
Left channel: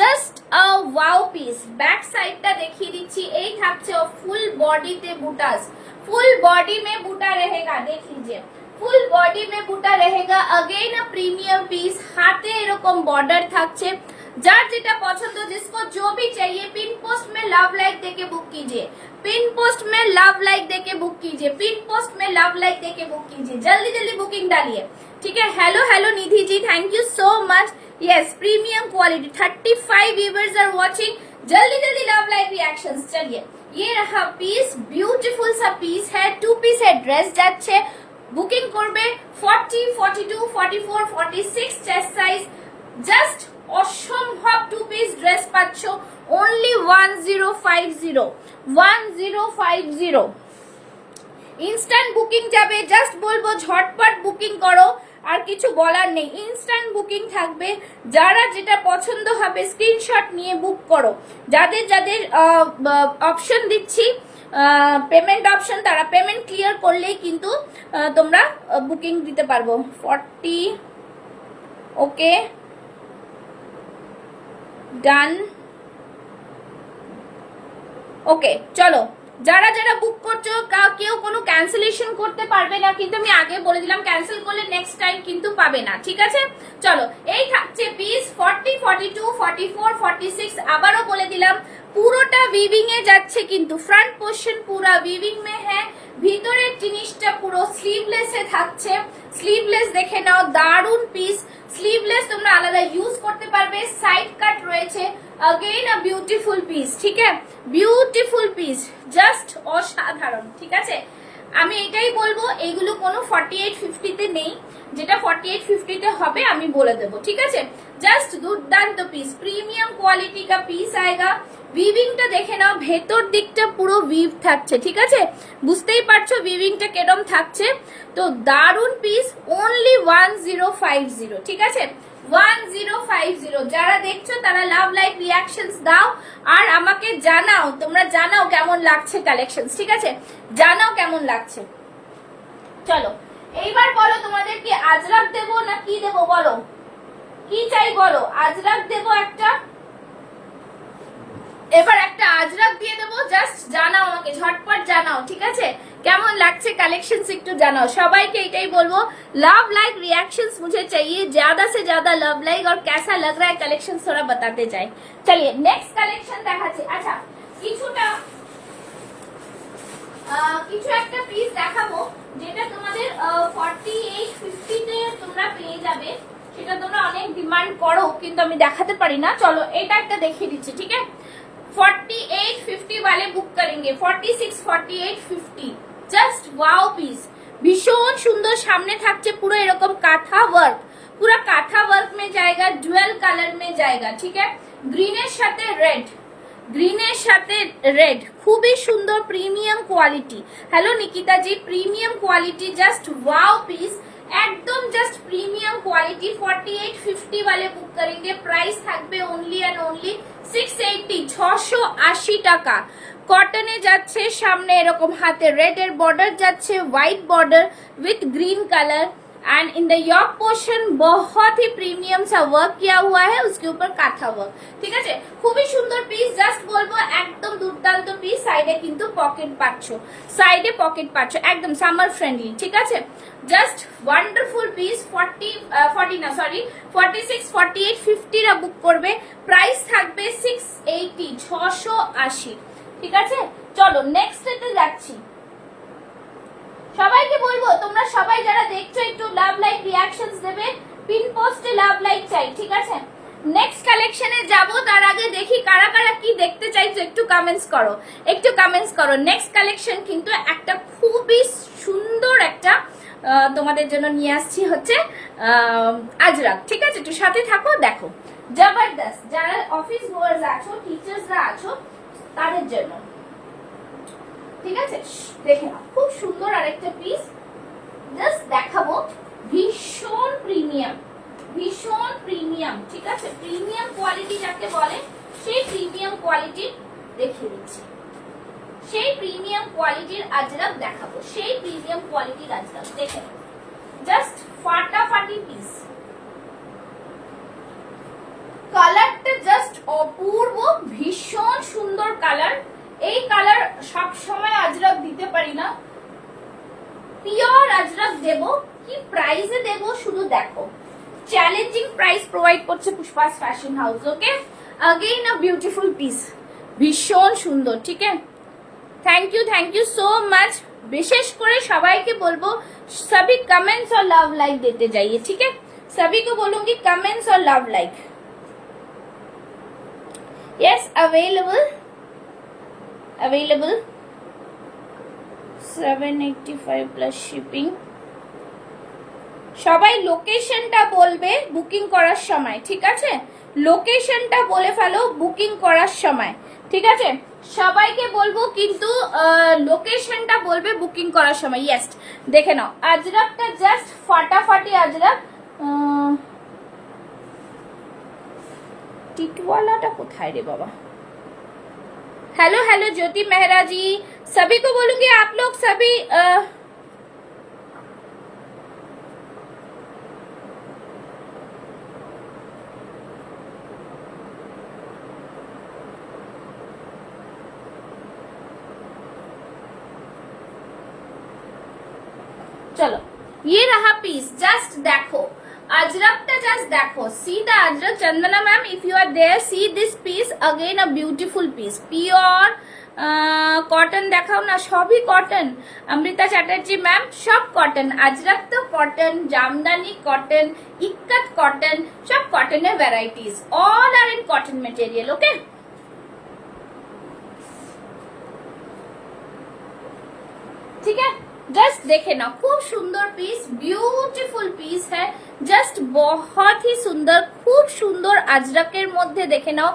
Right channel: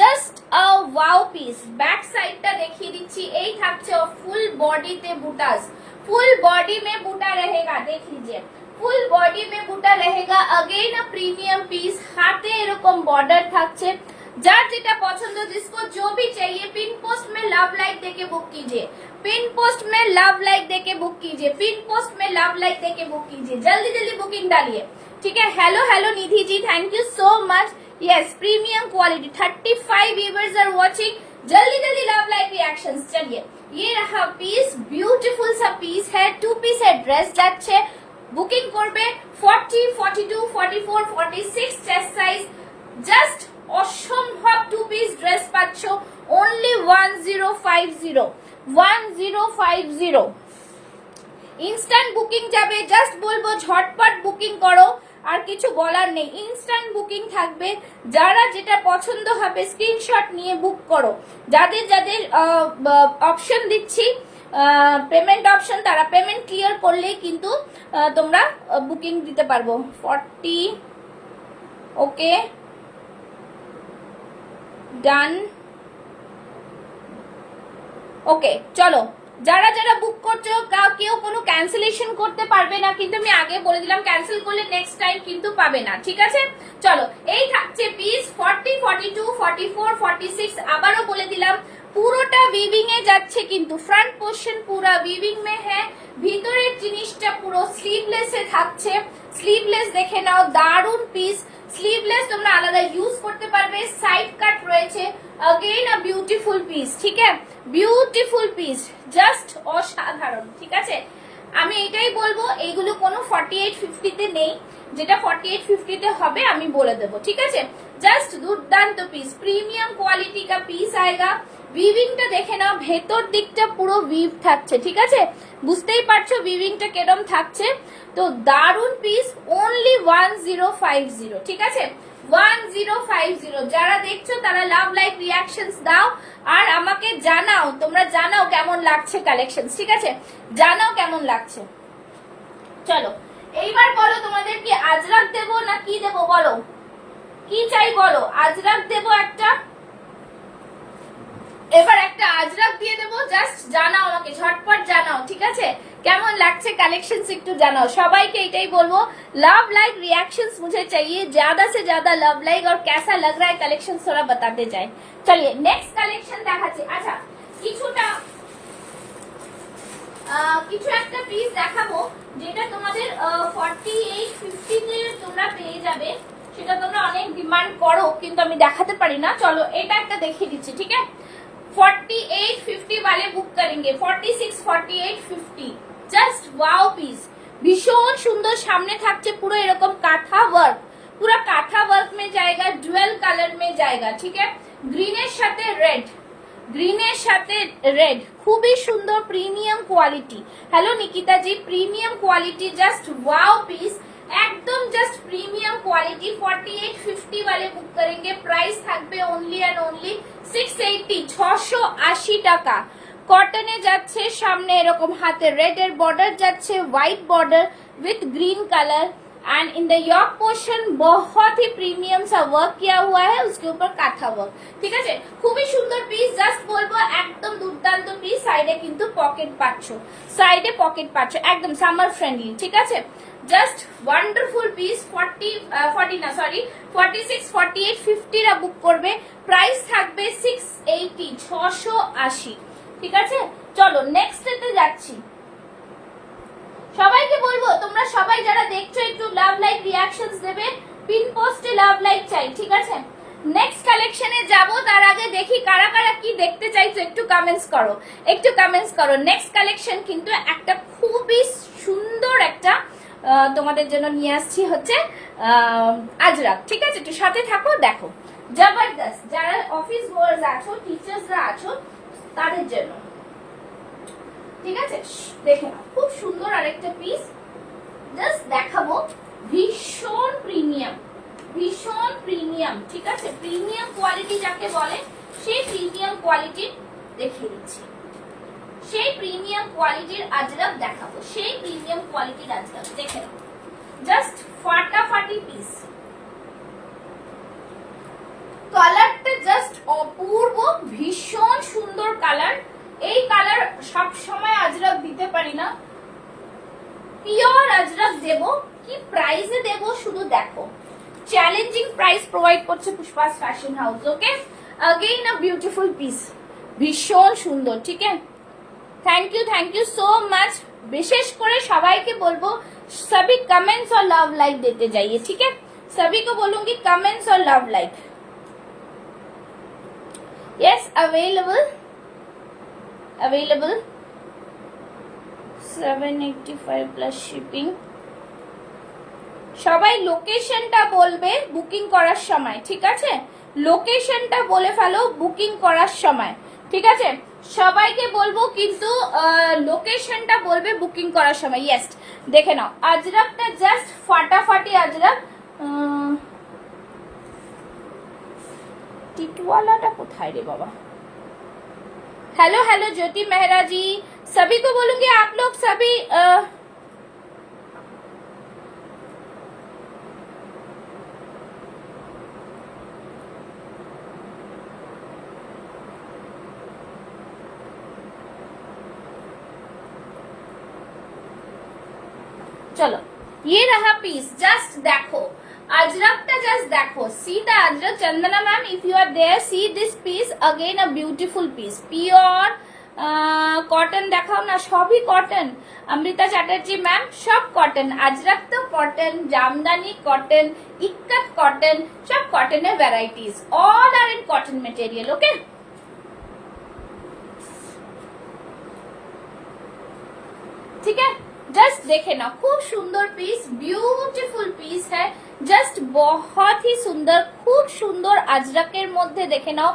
জাস্ট আ ওয়াও পিস। ব্যাক সাইডটা দেখিয়ে দিচ্ছি, এই থাকছে ফুল বডিতে বুটাস, फुल बॉडी में बूटा रहेगा, देख लीजिए, फुल बॉडी में बूटा रहेगा। अगेन अ प्रीमियम पीस, हाथे এরকম বর্ডার থাকছে। যার যেটা পছন্দ, जिसको जो भी चाहिए, पिन पोस्ट में लव लाइक देके बुक कीजिए, पिन पोस्ट में लव लाइक देके बुक कीजिए, पिन पोस्ट में लव लाइक देके बुक कीजिए, जल्दी जल्दी बुकिंग डालिए, ठीक है? Hello hello Nidhi ji, thank you so much. Yes, premium quality, 35 viewers are watching, जल्दी जल्दी लव लाइक रिएक्शंस। चलिए, ये रहा पीस, ब्यूटीफुल सा पीस है, 2 পিস এর ড্রেস যাচ্ছে। বুকিং করবে 40, 42, 44, 46 চেস্ট সাইজ, জাস্ট অসম্ভব 2 পিস ড্রেস পাচ্ছ অনলি 1050, 1050। ইনস্ট্যান্ট বুকিং যাবে, জাস্ট বলবো ঝটপট বুকিং করো, আর কিছু বলার নেই, ইনস্ট্যান্ট বুকিং থাকবে। যারা যেটা পছন্দ হবে স্ক্রিনশট নিয়ে বুক করো। যাদের যাদের অপশন দিচ্ছি পেমেন্ট অপশন, তারা পেমেন্ট ক্লিয়ার করলেই কিন্তু তোমরা বুকিং দিতে পারবো। 40, ওকে, ডান, ওকে। চলো, যারা যারা বুক করছো, কেউ কোনো ক্যান্সেলেশন করতে পারবে না, কিন্তু আমি আগে বলে দিলাম ক্যান্সেল করলে নেক্সট টাইম কিন্তু পাবে না, ঠিক আছে? চলো, এই থাকছে পিস 40, 42, 44, 46। আবারও বলে দিলাম পুরোটা উইভিং এ যাচ্ছে, কিন্তু ফ্রন্ট পোর্শন পুরো উইভিং মে হ্যাঁ, ভিতরের জিনিসটা পুরো স্লিভলেস এ থাকছে। স্লিভলেস দেখে নাও, দারুন পিস। স্লিভলেস তোমরা আলাদা ইউজ করতে পারবে, সাইড কাট রয়েছে। अगेन अ ब्यूटीफुल পিস, ঠিক আছে? বিউটিফুল পিস, জাস্ট অসাধারণ, ঠিক আছে? আমি এটাই বলবো, এইগুলো কোনো 4850 তে নেই, যেটা 4850 তে হবে আমি বলে দেবো, ঠিক আছে? জাস্ট দুর্দান্ত পিস, प्रीमियम क्वालिटी का पीस आएगा। উইভিংটা দেখে নাও, ভেতর দিকটা পুরো উইভ থাকছে, ঠিক আছে? বুঝতেই পারছো উইভিংটা কেরম থাকছে। তো দারুন পিস, অনলি 1050, ঠিক আছে? 1050। যারা দেখছো তারা লাভ লাইক রিয়াকশনস দাও আর আমাকে জানাও, তোমরা জানাও কেমন লাগছে কালেকশনস, ঠিক আছে? জানাও কেমন লাগছে। চলো এইবার বলো তোমাদের কি আজরাক দেবো না কি দেবো, বলো কি চাই বলো। আজরাক দেবো একটা, এবার একটা আজরাক দিয়ে দেবো, জাস্ট জানাও আমাকে, ঝটপট জানাও, ঠিক আছে? কেমন লাগছে কালেকশনস একটু জানাও। সবাইকে এটাই বলবো, लव लाइक रिएक्शंस मुझे चाहिए, ज्यादा से ज्यादा लव लाइक, और कैसा लग रहा है कलेक्शन थोड़ा बताते जाए। चलिए नेक्स्ट कलेक्शन দেখাচ্ছি। আচ্ছা কিছু একটা পিস দেখাবো যেটা তোমাদের 4850 তে তোমরা পেয়ে যাবে, সেটা তোমরা অনেক ডিমান্ড করো কিন্তু আমি দেখাতে পারি না। চলো এটা একটা দেখিয়ে দিচ্ছি, ঠিক আছে? 4850 वाले बुक करेंगे, 46 48 50, জাস্ট ওয়াও পিস, ভীষণ সুন্দর। সামনে থাকছে পুরো এরকম কাঁথা ওয়ার্ক, পুরো কাঁথা ওয়ার্ক মে জায়গা, ডুয়াল কালার মে জায়গা, ঠিক আছে? গ্রিনের সাথে রেড, গ্রিনের সাথে রেড, খুবই সুন্দর premium quality. Hello Nikita ji, premium quality, just wow piece, एकदम जस्ट प्रीमियम क्वालिटी। 4850 वाले बुक करेंगे, प्राइस থাকবে ओनली एंड ओनली 680, 680 টাকা। কটনে যাচ্ছে, সামনে এরকম হাতে রেড এর বর্ডার যাচ্ছে, white border with green colour, and in the yoke portion बहुत ही प्रीमियम सा वर्क किया हुआ है, उसके ऊपर काथा वर्क, ঠিক আছে? খুবই সুন্দর পিস, জাস্ট বলবো একদম দুর্দান্ত পিস। সাইডে কিন্তু পকেট পাচ্ছ, সাইডে পকেট পাচ্ছ, একদম সামার ফ্রেন্ডলি, ঠিক আছে? Just wonderful piece. 46 48 50 রা বুক করবে, প্রাইস থাকবে 680, 680, ঠিক আছে? চলো নেক্সট এতে যাচ্ছি। সবাইকে বলবো তোমরা সবাই যারা দেখছো একটু লাভ লাইক রিয়াকশনস দেবে, পিন পোস্টে লাভ লাইক চাই, ঠিক আছে? নেক্সট কালেকশনে যাব, তার আগে দেখি কারা কারা কি দেখতে চাইছো, একটু কমেন্টস করো, একটু কমেন্টস করো। নেক্সট কালেকশন কিন্তু একটা খুবই সুন্দর একটা তোমাদের জন্য নিয়ে আসছি, হচ্ছে আজরাক, ঠিক আছে? একটু সাথে থাকো, দেখো জবরদস্ত। যারা অফিস গোয়ার্স আছো, টিচার্সরা আছো, তাদের জন্য, ঠিক আছে? দেখে নাও, খুব সুন্দর আরেকটা পিস, জাস্ট দেখাবো, ভীষণ প্রিমিয়াম, ভীষণ প্রিমিয়াম, ঠিক আছে? প্রিমিয়াম কোয়ালিটি যাকে বলে সেই প্রিমিয়াম কোয়ালিটি দেখিয়ে দিচ্ছি, সেই প্রিমিয়াম কোয়ালিটির আজরাক দেখাবো, সেই প্রিমিয়াম কোয়ালিটির আজরাক দেখে নাও, জাস্ট ফাটাফাটি পিস। কালারটা জাস্ট অপূর্ব, ভীষণ সুন্দর কালার। এই কালার সব সময় আজরাক দিতে পারি না, পিওর আজরাক দেব। কি প্রাইসে দেব শুধু দেখো, চ্যালেঞ্জিং প্রাইস প্রোভাইড করছে Pushpa's fashion house, okay? Again a beautiful piece, ভীষণ সুন্দর, ঠিক আছে? Thank you so much. विशेष করে সবাইকে বলবো सभी कमेंट्स और लव लाइक देते जाइए, ठीक है? सभी को बोलूंगी कमेंट्स और love like. Yes, available 785 plus shipping. সবাই লোকেশনটা বলবে বুকিং করার সময়, ঠিক আছে? লোকেশনটা বলে ফেলো বুকিং করার সময়, ঠিক আছে? সবাইকে বলবো কিন্তু লোকেশনটা বলবে বুকিং করার সময়। ইয়েস, দেখে নাও আজরাকটা, জাস্ট ফাটাফাটি আজরাক। টিটওয়ালাটা কোথায় রে বাবা? हेलो हेलो ज्योति मेहरा जी, सभी को बोलूंगी आप लोग सभी चलो ये रहा पीस, जस्ट देखो अजरकটা, জাস্ট দেখো, see the Ajrakh. Chandana ma'am, if you are there, see this piece, again a beautiful piece, pure cotton দেখাও না, সবই কটন। অমৃতা চ্যাটার্জি ম্যাম, সব কটন, আজরাক তো cotton, Jamdani cotton, Ikat cotton, সব কটনের varieties, all are in cotton material, okay? ঠিক আছে, जस्ट देखे ना खूब सुंदर पीस, ब्यूटीफुल पीस है, জাস্ট বহুতই সুন্দর, খুব সুন্দর আজরাকের মধ্যে দেখে নাও।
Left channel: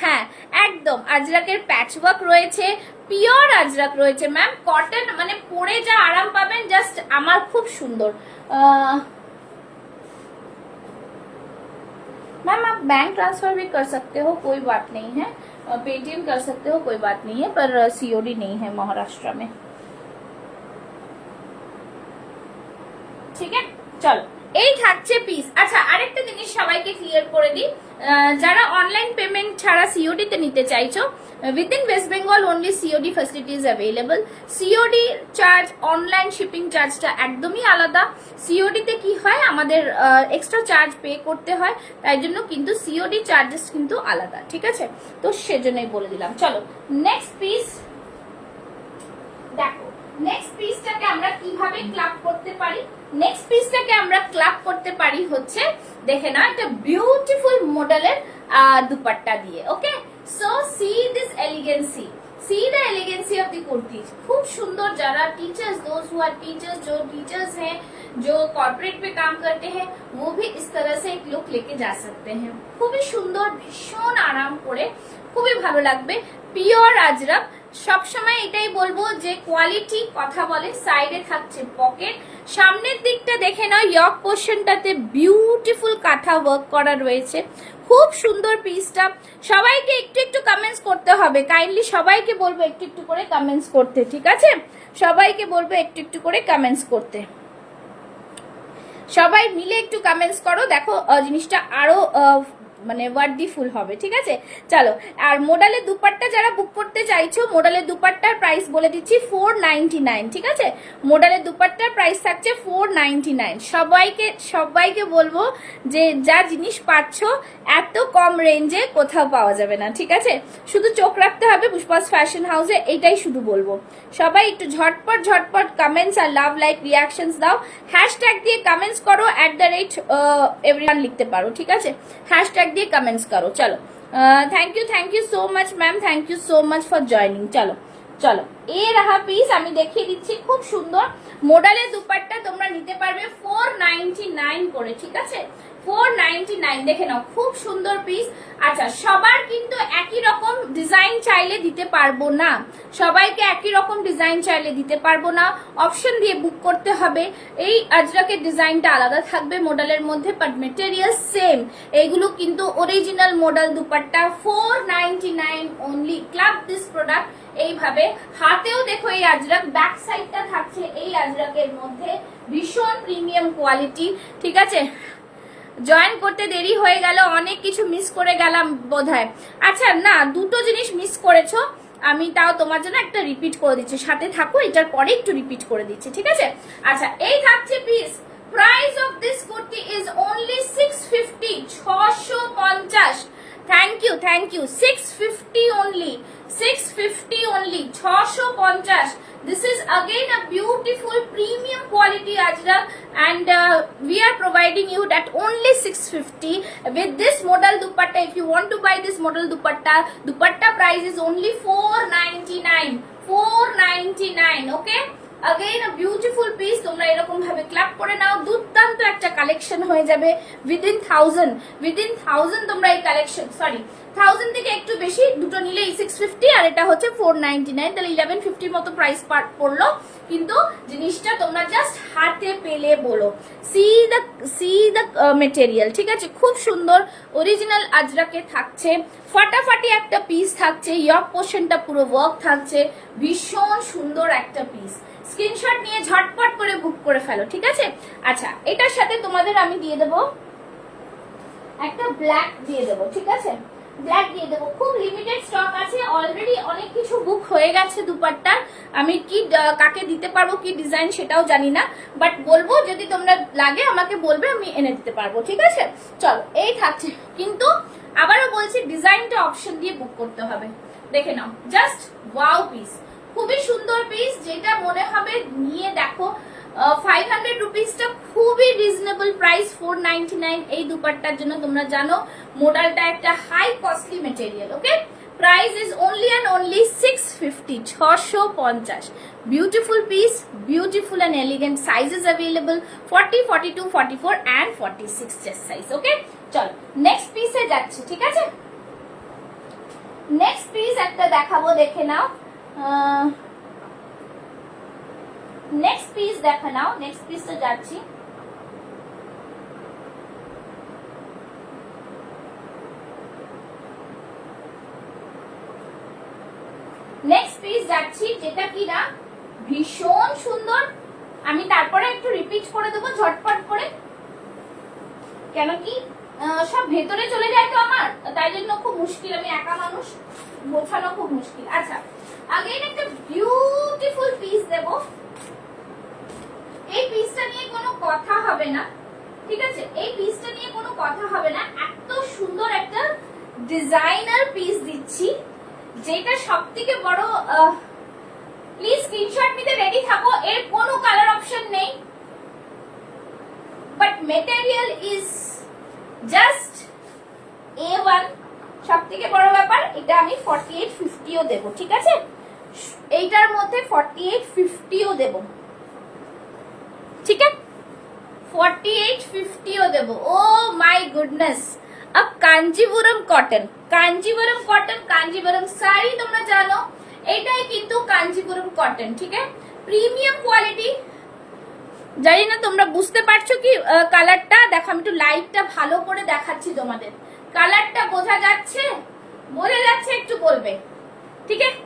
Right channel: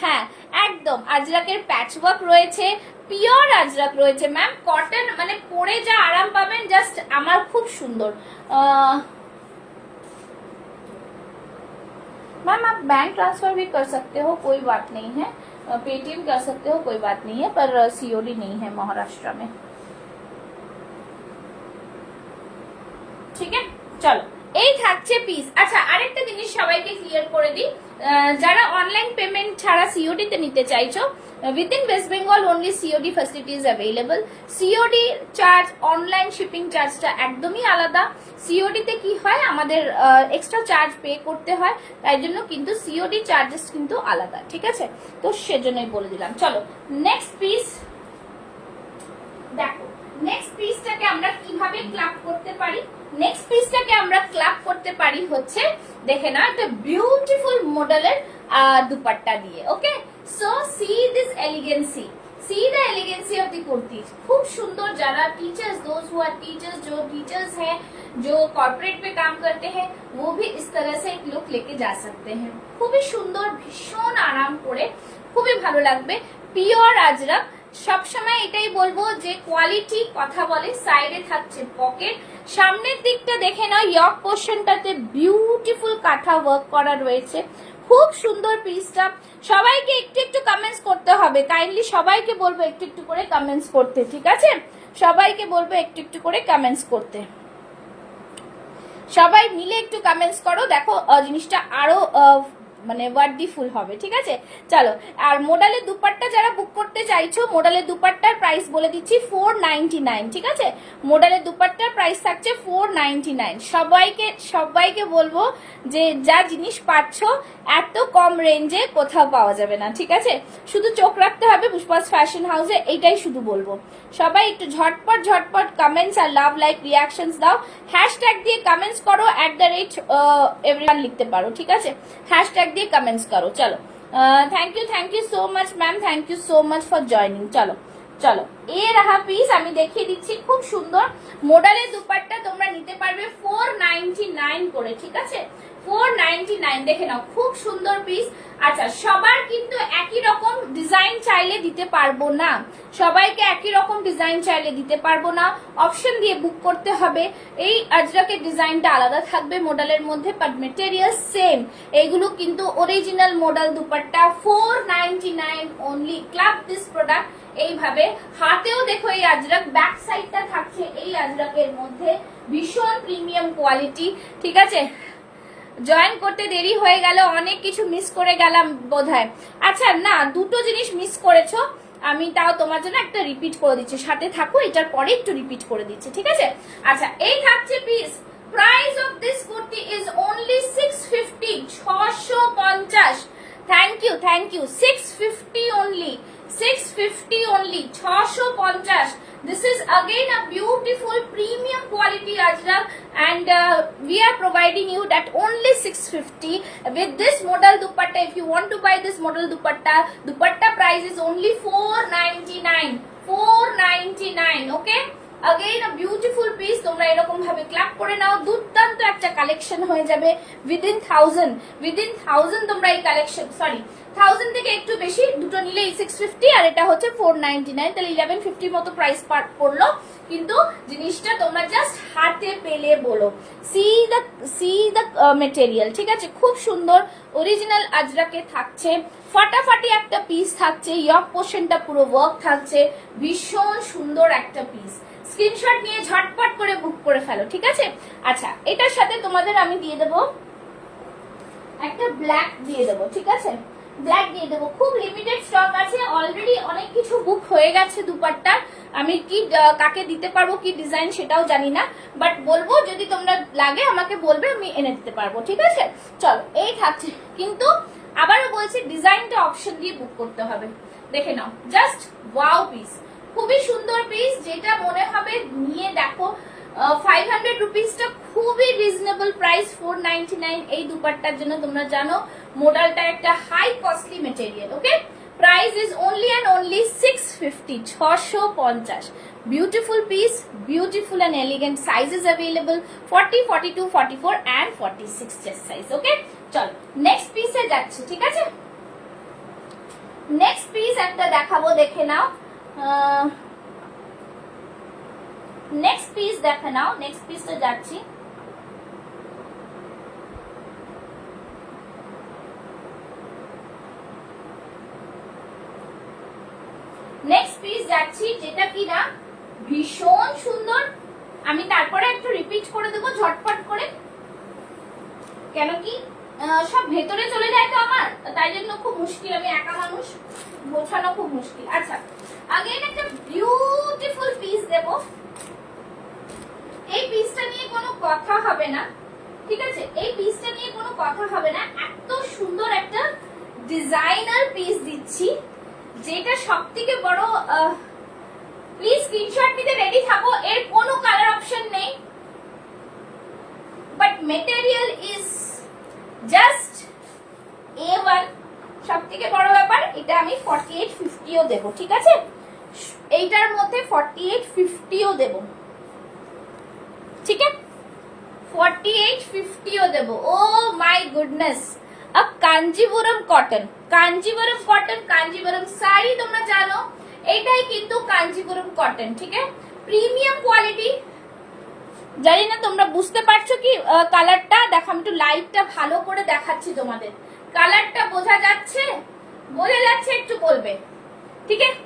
হ্যাঁ একদম আজরাকের প্যাচওয়ার্ক রয়েছে, পিওর আজরাক রয়েছে ম্যাম, কটন মানে পরে যা আরাম পাবেন, জাস্ট আমার খুব সুন্দর। मैम आप बैंक ट्रांसफर भी कर सकते हो, कोई बात नहीं है, पेटीएम कर सकते हो, कोई बात नहीं है, पर सीओडी नहीं है महाराष्ट्र में। ঠিক আছে চলো এই থাকছে পিস। আচ্ছা আরেকটা জিনিস সবাইকে ক্লিয়ার করে দিই, যারা অনলাইন পেমেন্ট ছাড়া সিওডি তে নিতে চাইছো, within West Bengal only COD facilities available. COD charge, online shipping চার্জটা একদমই আলাদা। সিওডি তে কি হয় আমাদের এক্সট্রা চার্জ পে করতে হয়, তাই জন্য কিন্তু সিওডি চার্জেস কিন্তু আলাদা, ঠিক আছে? তো সেজন্যই বলে দিলাম। চলো নেক্সট পিস দেখো, নেক্সট পিসটাকে আমরা কিভাবে ক্লাব করতে পারি। নেক্সট পিসটাকে আমরা ক্লাব করতে পারি হচ্ছে দেখে না একটা বিউটিফুল মডেলের দুপাট্টা দিয়ে। Okay so see this elegancy, see the elegancy of the kurtis. खूब सुंदर, जरा teachers, those who are teachers, जो टीचर्स हैं, जो कॉर्पोरेट में काम करते हैं, वो भी इस तरह से एक लुक लेके जा सकते हैं। खूबी सुंदर, भीषण आराम করে, খুবই ভালো লাগবে। পিওর আজরাক, সব সময় এটাই বলবো যে কোয়ালিটি কথা বলে। সাইডে থাকছে পকেট, সামনের দিকটা দেখে নাও, ইয়ক পোর্শনটাতে বিউটিফুল কাঁথা ওয়ার্ক করা রয়েছে, খুব সুন্দর পিসটা। সবাইকে একটু একটু কমেন্টস করতে হবে, কাইন্ডলি সবাইকে বলবো একটু একটু করে কমেন্টস করতে, ঠিক আছে? সবাইকে বলবো একটু একটু করে কমেন্টস করতে, সবাই মিলে একটু কমেন্টস করো, দেখো জিনিসটা আরো মানে ওয়ার্ডিফুল হবে, ঠিক আছে? চলো আর মোডালের দুপাট্টা যারা বুক করতে চাইছো, মোডালের দুপাট্টার প্রাইস বলে দিচ্ছি 499, ঠিক আছে? মোডালের দুপাট্টার প্রাইস থাকছে 499। সবাইকে বলবো যে যা জিনিস পাচ্ছ এত কম রেঞ্জে কোথাও পাওয়া যাবে না, ঠিক আছে? শুধু চোখ রাখতে হবে পুষ্পাস ফ্যাশন হাউসে, এইটাই শুধু বলবো। সবাই একটু ঝটপট ঝটপট কমেন্টস আর লাভ লাইক রিয়াকশনস দাও, হ্যাশট্যাগ দিয়ে কমেন্টস করো, @everyone লিখতে পারো, ঠিক আছে? হ্যাশট্যাগ দিয়ে কমেন্টস করো। চলো thank you so much ma'am, thank you so much for joining. চলো চলো এ রাহা পিস, আমি দেখিয়ে দিচ্ছি, খুব সুন্দর মোডালের দুপাট্টা তোমরা নিতে পারবে 499 করে, ঠিক আছে? 499 দেখে নাও, খুব সুন্দর পিস। আচ্ছা সবার কিন্তু একই রকম ডিজাইন চাইলে দিতে পারবো না, সবাইকে একই রকম ডিজাইন চাইলে দিতে পারবো না, অপশন দিয়ে বুক করতে হবে। এই আজরাকের ডিজাইনটা আলাদা থাকবে মডেলের মধ্যে, বাট মেটেরিয়াল সেম। এইগুলো কিন্তু original model dupatta, 499 only. Club this product এইভাবে। হাতেও দেখো এই আজরাক, ব্যাক সাইডটা থাকছে এই আজরাকের মধ্যে, ভীষণ প্রিমিয়াম কোয়ালিটি, ঠিক আছে? জয়েন করতে দেরি হয়ে গেল, অনেক কিছু মিস করে গেলাম বোধহয়। আচ্ছা না, দুটো জিনিস মিস করেছো, আমি তাও তোমার জন্য একটা রিপিট করে দিচ্ছি, সাথে থাকো, এটার পরে একটু রিপিট করে দিচ্ছি, ঠিক আছে? আচ্ছা এই থাকছে piece, price of this kurti is only 650, 650। Thank you 650 only, 650 only, 650। This is again a beautiful premium quality ajrak, and we are providing you that only 650 with this model dupatta. If you want to buy this model dupatta price is only 499, 499, okay? Again a beautiful piece, তোমরা এরকম ভাবে ক্লাব করে নাও, দুর্দান্ত একটা কালেকশন হয়ে যাবে। উইদিন 1000 তোমরা এই কালেকশন, সরি 1000 থেকে একটু বেশি, দুটো নিলে 650 আর এটা হচ্ছে 499, তাহলে 1150 মতো প্রাইস পড়লো। কিন্তু জিনিসটা তোমরা জাস্ট হাতে পেলে বলো, সি দ্য মেটেরিয়াল, ঠিক আছে? খুব সুন্দর অরিজিনাল আজরাকে থাকছে, ফাটাফাটি একটা পিস থাকছে, ইয়ক পোর্শনটা পুরো ওয়ার্ক থাকছে, ভীষণ সুন্দর একটা পিস। স্ক্রিনশট নিয়ে ঝটপট করে বুক করে ফেলো, ঠিক আছে? আচ্ছা এটার সাথে তোমাদের আমি দিয়ে দেবো একটা ব্ল্যাক দিয়ে দেবো, ঠিক আছে? ব্ল্যাক দিয়ে দেবো, খুব লিমিটেড স্টক আছে, অলরেডি অনেক কিছু বুক হয়ে গেছে দুপাট্টার। আমি কি কাকে দিতে পারবো, কি ডিজাইন সেটাও জানি না, বাট বলবো যদি তোমরা লাগে আমাকে বলবে, আমি এনে দিতে পারবো, ঠিক আছে? চলো এই থাকছে, কিন্তু আবারও বলছি ডিজাইনটা অপশন দিয়ে বুক করতে হবে। দেখে নাও, জাস্ট ওয়াও পিস, খুবই সুন্দর পিস, যেটা মনে হবে নিয়ে দেখো। 500 রুপিসটা খুবই রিজনেবল প্রাইস, 499 এই দুপাট্টার জন্য। তোমরা জানো মোডালটা একটা high costly material, okay? Price is only and only 650, 650। Beautiful piece, beautiful and elegant sizes available, 40, 42, 44 and 46 chest size. Okay, চলো নেক্সট পিসে যাচ্ছি, ঠিক আছে? নেক্সট পিস একটা দেখাবো, দেখে নাও। নেক্সট পিস দেখে নাও, নেক্সট পিসে যাচ্ছি। নেক্সট পিস যাচ্ছি, যেটা কিনা ভীষণ সুন্দর। আমি তারপরে একটু রিপিট করে দেবো ঝটপট করে, কেন কি সব ভেতরে চলে যায় তো আমার, তাই জন্য খুব মুশকিল, আমি একা মানুষ, বোঝানো খুব মুশকিল। আচ্ছা, আগে একটা বিউটিফুল পিস দেব। এই পিসটা নিয়ে কোনো কথা হবে না, ঠিক আছে? এই পিসটা নিয়ে কোনো কথা হবে না, এত সুন্দর একটা ডিজাইনার পিস দিচ্ছি, যেটা সব থেকে বড়। প্লিজ স্ক্রিনশট নিতে রেডি থাকো। এর কোনো কালার অপশন নেই, but material is just A1। সব থেকে বড় ব্যাপার, এটা আমি 4850ও দেব, ঠিক আছে? এইটার মধ্যে 4850ও দেব, ঠিক আছে? 4850ও দেব। ও মাই গুডনেস। अब কাঞ্জিপুরম কটন, কাঞ্জিপুরম কটন, কাঞ্জিপুরম শাড়ি তোমরা জানো, এইটাই কিন্তু কাঞ্জিপুরম কটন, ঠিক আছে? Premium quality. জানি না তোমরা বুঝতে পারছো কি কালারটা? দেখো আমি একটু লাইটটা ভালো করে দেখাচ্ছি তোমাদের। কালারটা বোঝা যাচ্ছে? বোঝা যাচ্ছে একটু বলবে, ঠিক আছে?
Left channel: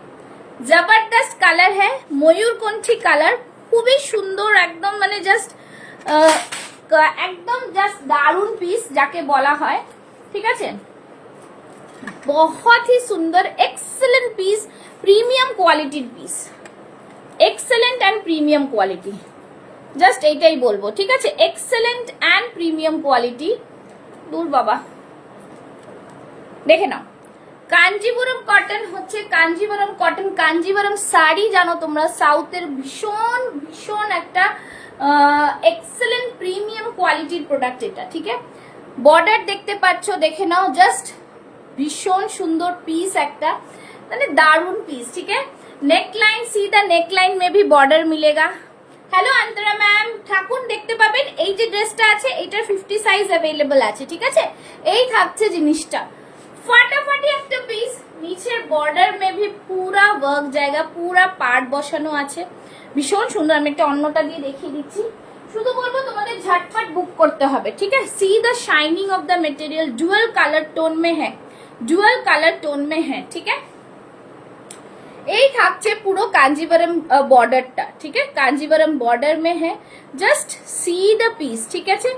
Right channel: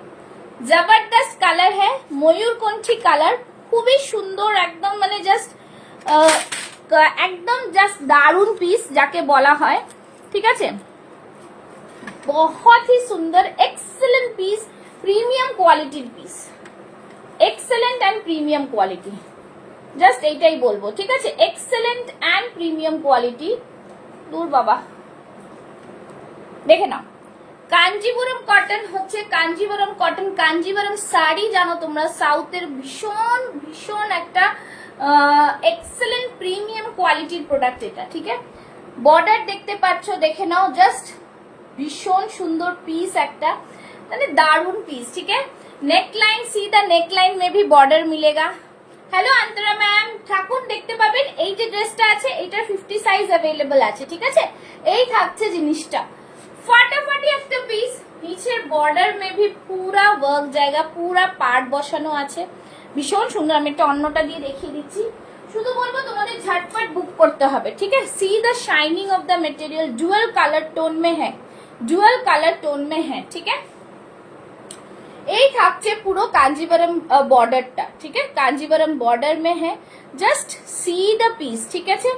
জবরদস্ত কালার হ্যাঁ, ময়ূরকণ্ঠী কালার, খুবই সুন্দর একদম, মানে জাস্ট একদম জাস্ট দারুন পিস যাকে বলা হয়, ঠিক আছে? बहुत ही सुंदर, excellent piece, premium quality piece, excellent and premium quality, just এইটাই বলবো, ঠিক আছে? Excellent and premium quality. দূর বাবা, দেখে নাও। কাঞ্জিপুরম কটন হচ্ছে কাঞ্জিপুরম কটন। কাঞ্জিপুরম শাড়ি জানো তোমরা, সাউথের ভীষণ ভীষণ একটা এক্সেলেন্ট প্রিমিয়াম কোয়ালিটির প্রোডাক্ট এটা, ঠিক আছে? বর্ডার দেখতে পাচ্ছ, দেখে নাও, জাস্ট ভীষণ সুন্দর পিস একটা, মানে দারুন পিস, ঠিক আছে? নেকলাইন, সি দা নেকলাইন মে ভি বর্ডার মিলেগা। হ্যালো অন্তরা ম্যাম, ঠাকুর দেখতে পাবেন এই যে ড্রেসটা আছে, এটা 50 সাইজ অ্যাভেলেবল আছে, ঠিক আছে? এই থাকছে জিনিসটা, ফাটাফাটি একটা পিস। নিচের বর্ডার মে ভি পুরা ওয়ার্ক জায়গা, পুরা পার্ট বসানো আছে, ভীষণ সুন্দর। আমি একটা অন্যটা দিয়ে দেখিয়ে দিচ্ছি, শুধু বলবো তোমাদের ঝটপট বুক করতে হবে, ঠিক আছে? See the shining of the material, dual colour tone মে হ্যাঁ, ডুয়াল কালার টোন মে হ্যাঁ, ঠিক আছে? এই থাকছে পুরো কাঞ্জিবরম বর্ডারটা, ঠিক আছে? কাঞ্জিবরম বর্ডার মে হ্যাঁ, জাস্ট সি দ্য পিস, ঠিক আছে?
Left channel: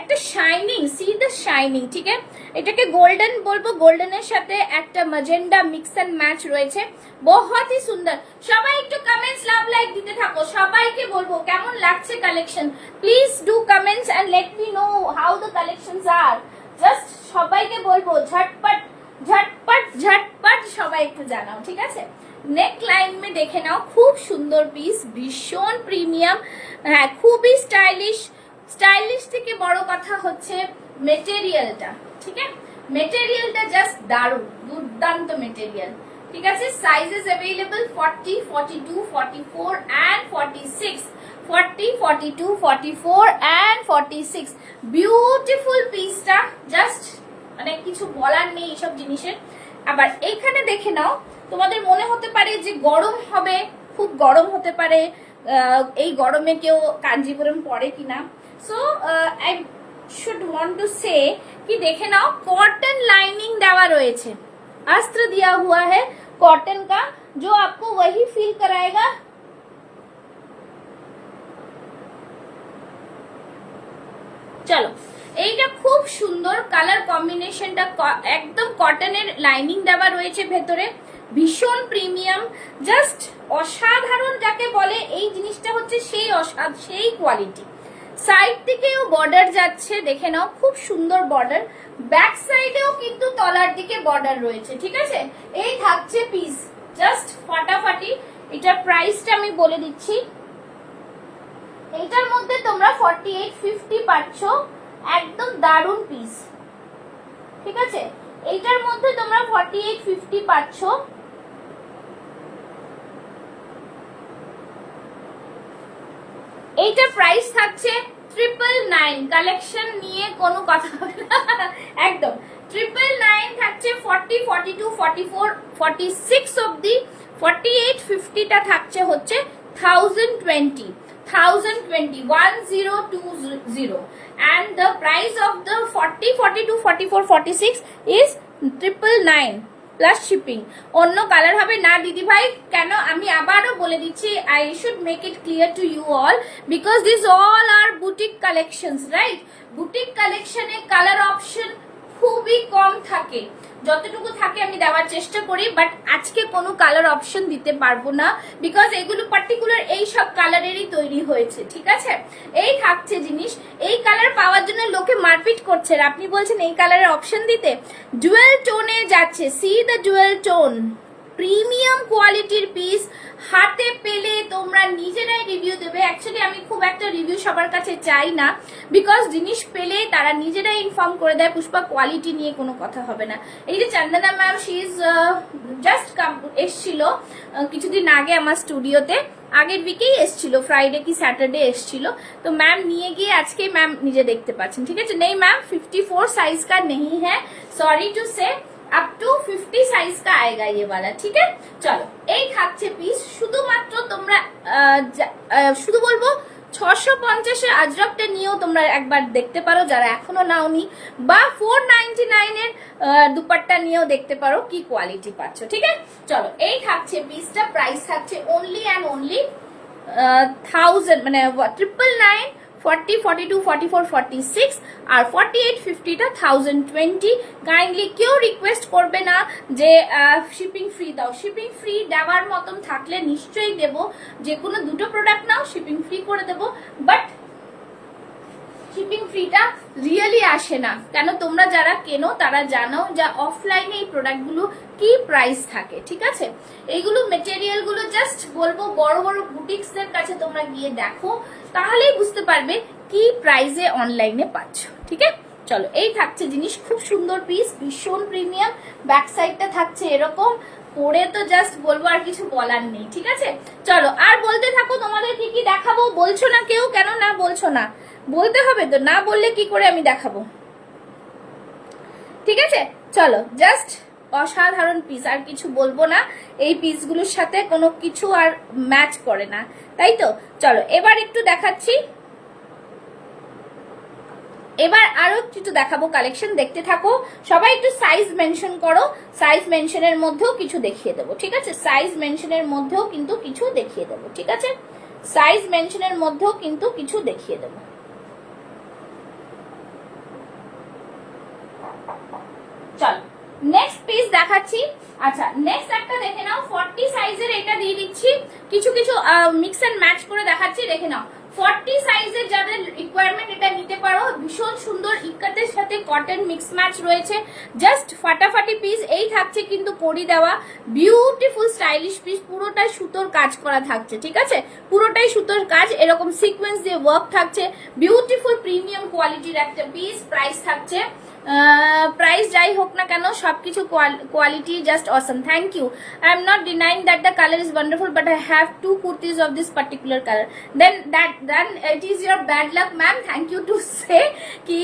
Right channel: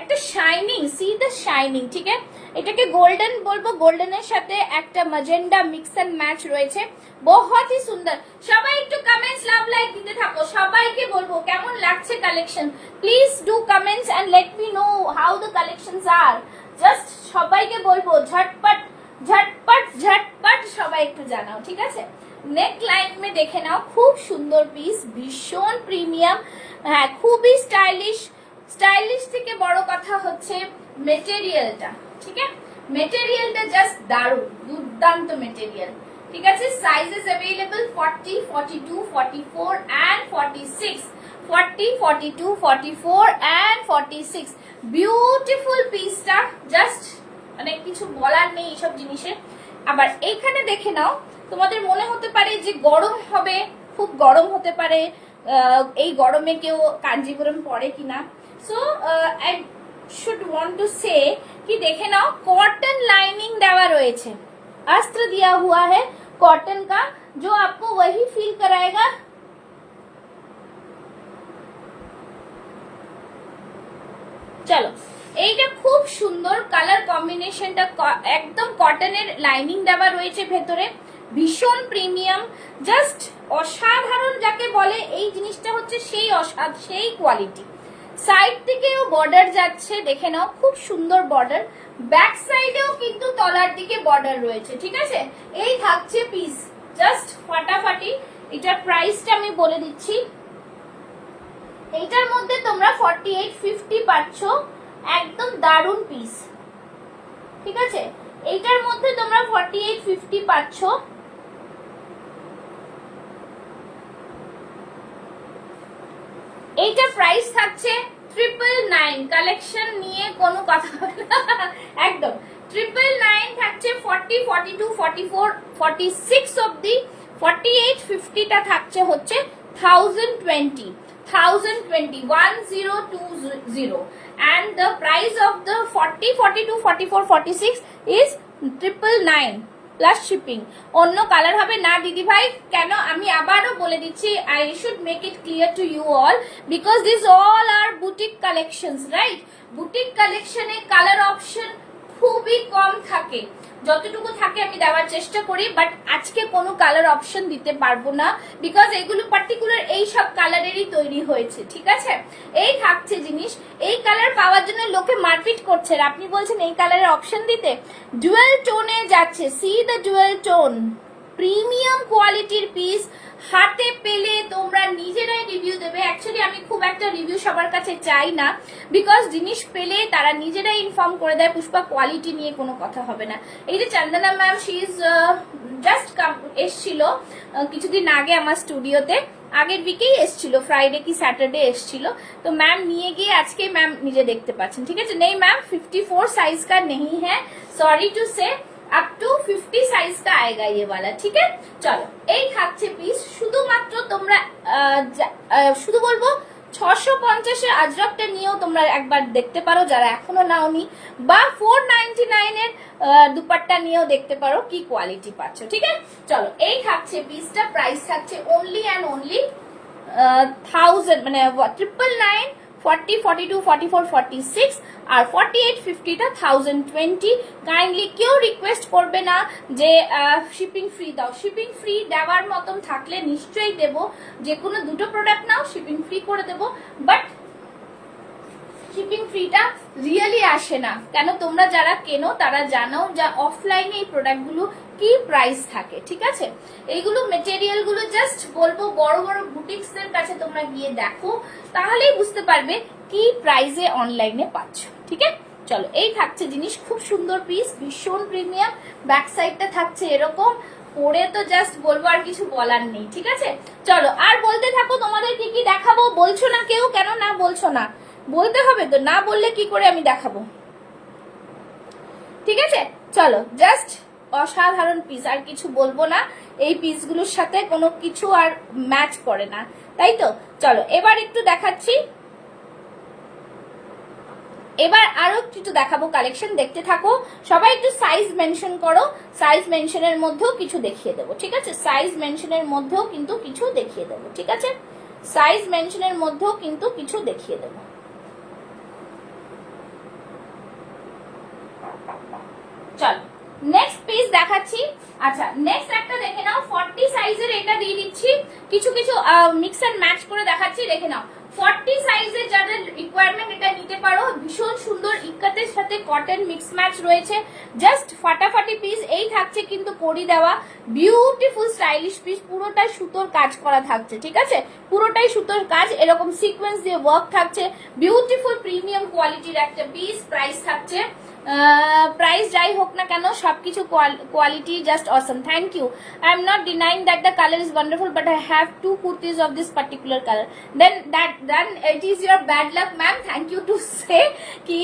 একটা শাইনিং, সি দ্য শাইনিং, ঠিক আছে? এটাকে গোল্ডেন বলবো, গোল্ডেনের সাথে একটা ম্যাজেন্ডা মিক্স এন্ড ম্যাচ রয়েছে, বহুত হি সুন্দর। সবাই একটু কমেন্টস, লাভ লাইক দিতে থাকো। সবাইকে বলবো কেমন লাগছে collection, please do comments and let me know how the collections are. Just সবাইকে বলবো ঝটপট ঝটপট ঝটপট সবাই একটু জানাও, ঠিক আছে? নেক লাইন মে দেখে নাও, খুব সুন্দর পিস, ভীষণ প্রিমিয়াম, হ্যাঁ খুবই স্টাইলিশ। স্টাইলিশ থেকে বড় কথা হচ্ছে মেটেরিয়ালটা, ঠিক আছে? মেটেরিয়ালটা জাস্ট দারুণ, দুর্দান্ত মেটেরিয়াল, ঠিক আছে? Sizes available 40, 42, 44 and 46, 40, 42, 44 and 46। Beautiful পিসটা, জাস্ট মানে কিছু বলার নেই এইসব জিনিসের। আবার এইখানে দেখে নাও, তোমাদের মনে হতে পারে যে গরম হবে, খুব গরম হতে পারে, এই গরমে কেউ কাঞ্জিপুরম পরে কিনা। So I should want to say কি দেখে নাও, कॉटन लाइनिंग দেওয়া রয়েছে, अस्त्र दिया हुआ है कॉटन का, जो आपको वही फील कराएगा। চলো, এইটা খুব সুন্দর কালার কম্বিনেশনটা, একদম কটনের লাইনিং দেওয়া রয়েছে ভেতরে, ভীষণ প্রিমিয়াম, জাস্ট অসাধারণ যাকে বলে, এই জিনিসটা হচ্ছে সেই কোয়ালিটি। সাইড থেকেও বর্ডার যাচ্ছে, দেখে নাও, খুব সুন্দর বর্ডার। ব্যাক সাইডেও কিন্তু তলার দিকে বর্ডার রয়েছে, ঠিক আছে? এই থাকছে পিস, জাস্ট ফাটাফাটি। এটার প্রাইসটা আমি বলে দিচ্ছি, এইটার মধ্যে তোমরা 4850 পাচ্ছ, একদম দারুন পিস, ঠিক আছে? এইটার মধ্যে তোমরা 4850 পাচ্ছ। এইটার প্রাইস থাকছে 999। কালেকশন নিয়ে কোনো কথা হবে না একদম। 999 থাকছে 40, 42, 44, 46 অবধি। 4850টা থাকছে হচ্ছে 1020, 1020 and the price of the 40, 42, 44, 46 is 999 plus shipping. অন্য কালার হবে না দিদি ভাই। কেন আমি আবারও বলে দিচ্ছি, I should make it clear to you all because this all are boutique collections, right? Boutique কালেকশনে কালার অপশন খুবই কম থাকে, যতটুকু থাকে আমি দেওয়ার চেষ্টা করি, বাট আজকে কোনো কালার অপশন দিতে পারবো না বিকজ এগুলো পার্টিকুলার এই সব কালারেরই তৈরি হয়েছে, ঠিক আছে? এই থাকছে জিনিস, এই কালার পাওয়ার জন্য লোকে মারপিট করছে। আপনি বলছেন এই কালারের অপশন দিতে, ডুয়েল টোনে যাচ্ছে, C the dual tone, premium কোয়ালিটির পিস। হাতে পেলে তোমরা নিজেরাই রিভিউ দেবে। অ্যাকচুয়ালি আমি খুব একটা রিভিউ সবার কাছে চাই না বিকজ জিনিস পেলে তারা নিজেরাই ইনফর্ম করে দেয় পুষ্পা কোয়ালিটি নিয়ে কোনো কথা হবে না। এই যে চন্দনা ম্যাম, শি ইজ জাস্ট এসছিল কিছুদিন আগে আমার স্টুডিওতে, আগের উইকেই এসছিল, ফ্রাইডে কি স্যাটারডে এসছিল। তো ম্যাম নিয়ে গিয়ে আজকে ম্যাম নিজে দেখতে পাচ্ছেন, ঠিক আছে? নেই ম্যাম, 54 साइज का नहीं है, सॉरी टू से, अप टू 50 साइज का आएगा ये वाला, ठीक है? চলো, এই থাকছে পিস। শুধুমাত্র তোমরা শুধু বলবো 650 আজরাকটা নিয়েও তোমরা একবার দেখতে পারো যারা এখনো নাওনি, বা 499 এর দুপাট্টা নিয়েও দেখতে পারো কি কোয়ালিটি পাচ্ছ, ঠিক আছে? চলো, এই থাকছে পিসটা, প্রাইস থাকছে অনলি অ্যান্ড অনলি 1000, মানে 999, 40, 42, 44, 46 আর 4850টা 1020। কাইন্ডলি কেউ রিকোয়েস্ট করবে না যে শিপিং ফ্রি দাও। শিপিং ফ্রি দেওয়ার মতন থাকলে নিশ্চয়ই দেব, যে কোনো দুটো প্রোডাক্ট নাও শিপিং ফ্রি করে দেব, বাট শিপিং ফ্রিটা রিয়েলি আসে না। কেন, তোমরা যারা কেনো তারা জানো যে অফলাইনে এই প্রোডাক্টগুলো কি প্রাইস থাকে, ঠিক আছে? এইগুলো মেটেরিয়াল গুলো জাস্ট বলবো বড় বড় বুটিক্স এর কাছে তোমরা গিয়ে দেখো, তাহলেই বুঝতে পারবে কি প্রাইসে অনলাইনে পাচ্ছ, ঠিক আছে? চলো, এই থাকছে জিনিস, খুব সুন্দর পিস, ভীষণ প্রিমিয়াম। ব্যাক সাইডটা থাকছে এরকম, পরে তো জাস্ট বলবো, আর কিছু বলার নেই, ঠিক আছে? চলো, আর বলতে থাকো তোমাদের কি কি দেখাবো। বলছো না কেউ, কেন না বলছো না? বলতে হবে তো, না বললে কি করে আমি দেখাবো, ঠিক আছে? চলো, জাস্ট অসাধারণ পিস, আর কিছু বলবো না। এই পিসগুলোর সাথে কোনো কিছু আর ম্যাচ করে না, তাই তো? চলো, এবার একটু দেখাচ্ছি, এবার আরো কিছু দেখাবো কালেকশন, দেখতে থাকো। সবাই একটু সাইজ মেনশন করো, সাইজ মেনশনের মধ্যেও কিছু দেখিয়ে দেবো, ঠিক আছে? সাইজ মেনশনের মধ্যেও কিন্তু কিছু দেখিয়ে দেবো, ঠিক আছে? সাইজ মেনশনের মধ্যেও কিন্তু কিছু দেখিয়ে দেবো। চলো, নেক্সট পিস দেখাচ্ছি। আচ্ছা, নেক্সট একটা দেখে নাও, 40 সাইজের এটা দিয়ে দিচ্ছি, কিছু কিছু মিক্স এন্ড ম্যাচ করে দেখাচ্ছি, দেখে নাও। 40 সাইজের যাদের রিকোয়ারমেন্ট এটা নিতে পারো, ভীষণ সুন্দর ইক্কাতের সাথে কটন মিক্স ম্যাচ রয়েছে, জাস্ট ফাটাফাটি পিস। এই থাকছে কিন্তু কড়ি দেওয়া, বিউটিফুল স্টাইলিশ পিস, পুরোটাই সুতোর কাজ করা থাকছে, ঠিক আছে? পুরোটাই সুতোর কাজ, এরকম সিকোয়েন্স দিয়ে ওয়ার্ক থাকছে, বিউটিফুল প্রিমিয়াম কোয়ালিটির একটা পিস। প্রাইস থাকছে, প্রাইস যাই হোক না কেন, সবকিছু quality just awesome. Thank you. I am not denying that the colour is wonderful, but I have 2 kurtis of this particular colour. Then it is your bad luck ma'am, thank you to say কি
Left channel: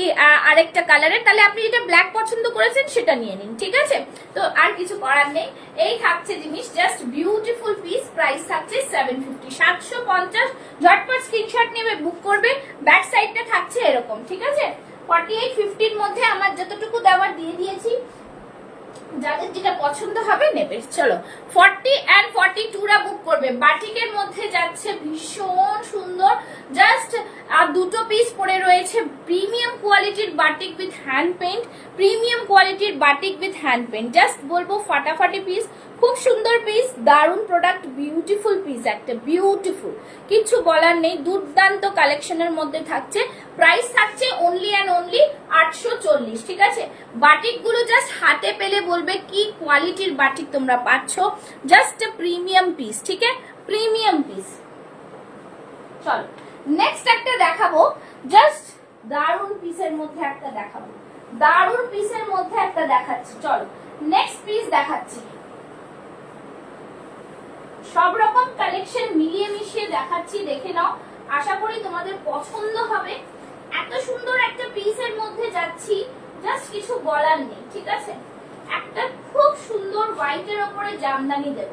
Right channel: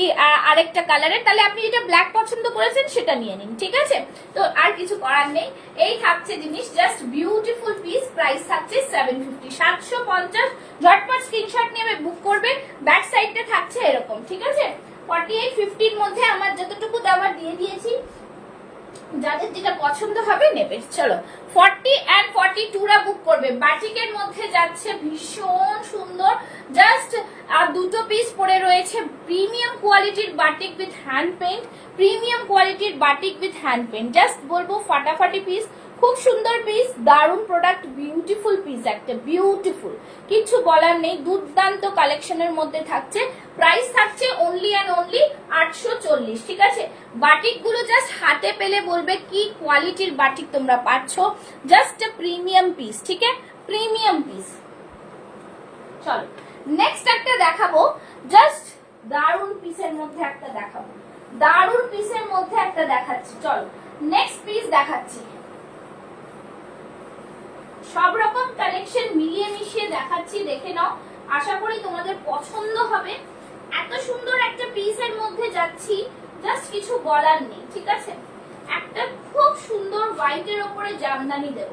আরেকটা কালারের, তাহলে আপনি যেটা ব্ল্যাক পছন্দ করেছেন সেটা নিয়ে নিন, ঠিক আছে? তো আর কিছু করার নেই। এই থাকছে জিনিস, জাস্ট বিউটিফুল পিস। প্রাইস থাকছে 750, 750। ঝটপট স্ক্রিনশট নেবে, বুক করবে। ব্যাক সাইডটা থাকছে এরকম, ঠিক আছে? 4850 এর মধ্যে আমার যতটুকু দেওয়ার দিয়ে দিয়েছি, যাদের যেটা পছন্দ হবে নেবে। চলো, 40 and 42 রা বুক করবে। বাটিকের মধ্যে যাচ্ছে, ভীষণ সুন্দর, জাস্ট আর দুটো পিস পরে রয়েছে। প্রিমিয়াম কোয়ালিটির batik with hand paint, premium কোয়ালিটির batik with hand paint, just বলবো ফাটাফাটি পিস, খুব সুন্দর পিস, দারুণ প্রোডাক্ট, বিউটিফুল পিস, একটা বিউটিফুল, কিছু বলার নেই, দুর্দান্ত কালেকশনের মধ্যে থাকছে। প্রাইস থাকছে অনলি অ্যান্ড অনলি 840, ঠিক আছে? বাটিক গুলো জাস্ট হাতে পেলে বলবে কি কোয়ালিটির বাটিক তোমরা পাচ্ছ, জাস্ট প্রিমিয়াম পিস, ঠিক আছে? Premium piece. চলো, নেক্সট একটা দেখাবো, জাস্ট দারুণ পিসের মধ্যে একটা দেখাবো, দারুণ পিসের মধ্যে একটা দেখাচ্ছি। চলো নেক্সট পিস দেখাচ্ছি। সব রকম কালেকশন মিলিয়ে মিশিয়ে দেখাচ্ছি, দেখে নাও, আশা করি তোমাদের পছন্দ হবে। এত সুন্দর একটা পিসের মধ্যে যাচ্ছি, জাস্ট কিছু বলার নেই, ঠিক আছে। একটা খুব সুন্দর হোয়াইটের ওপরে জামদানি দেব,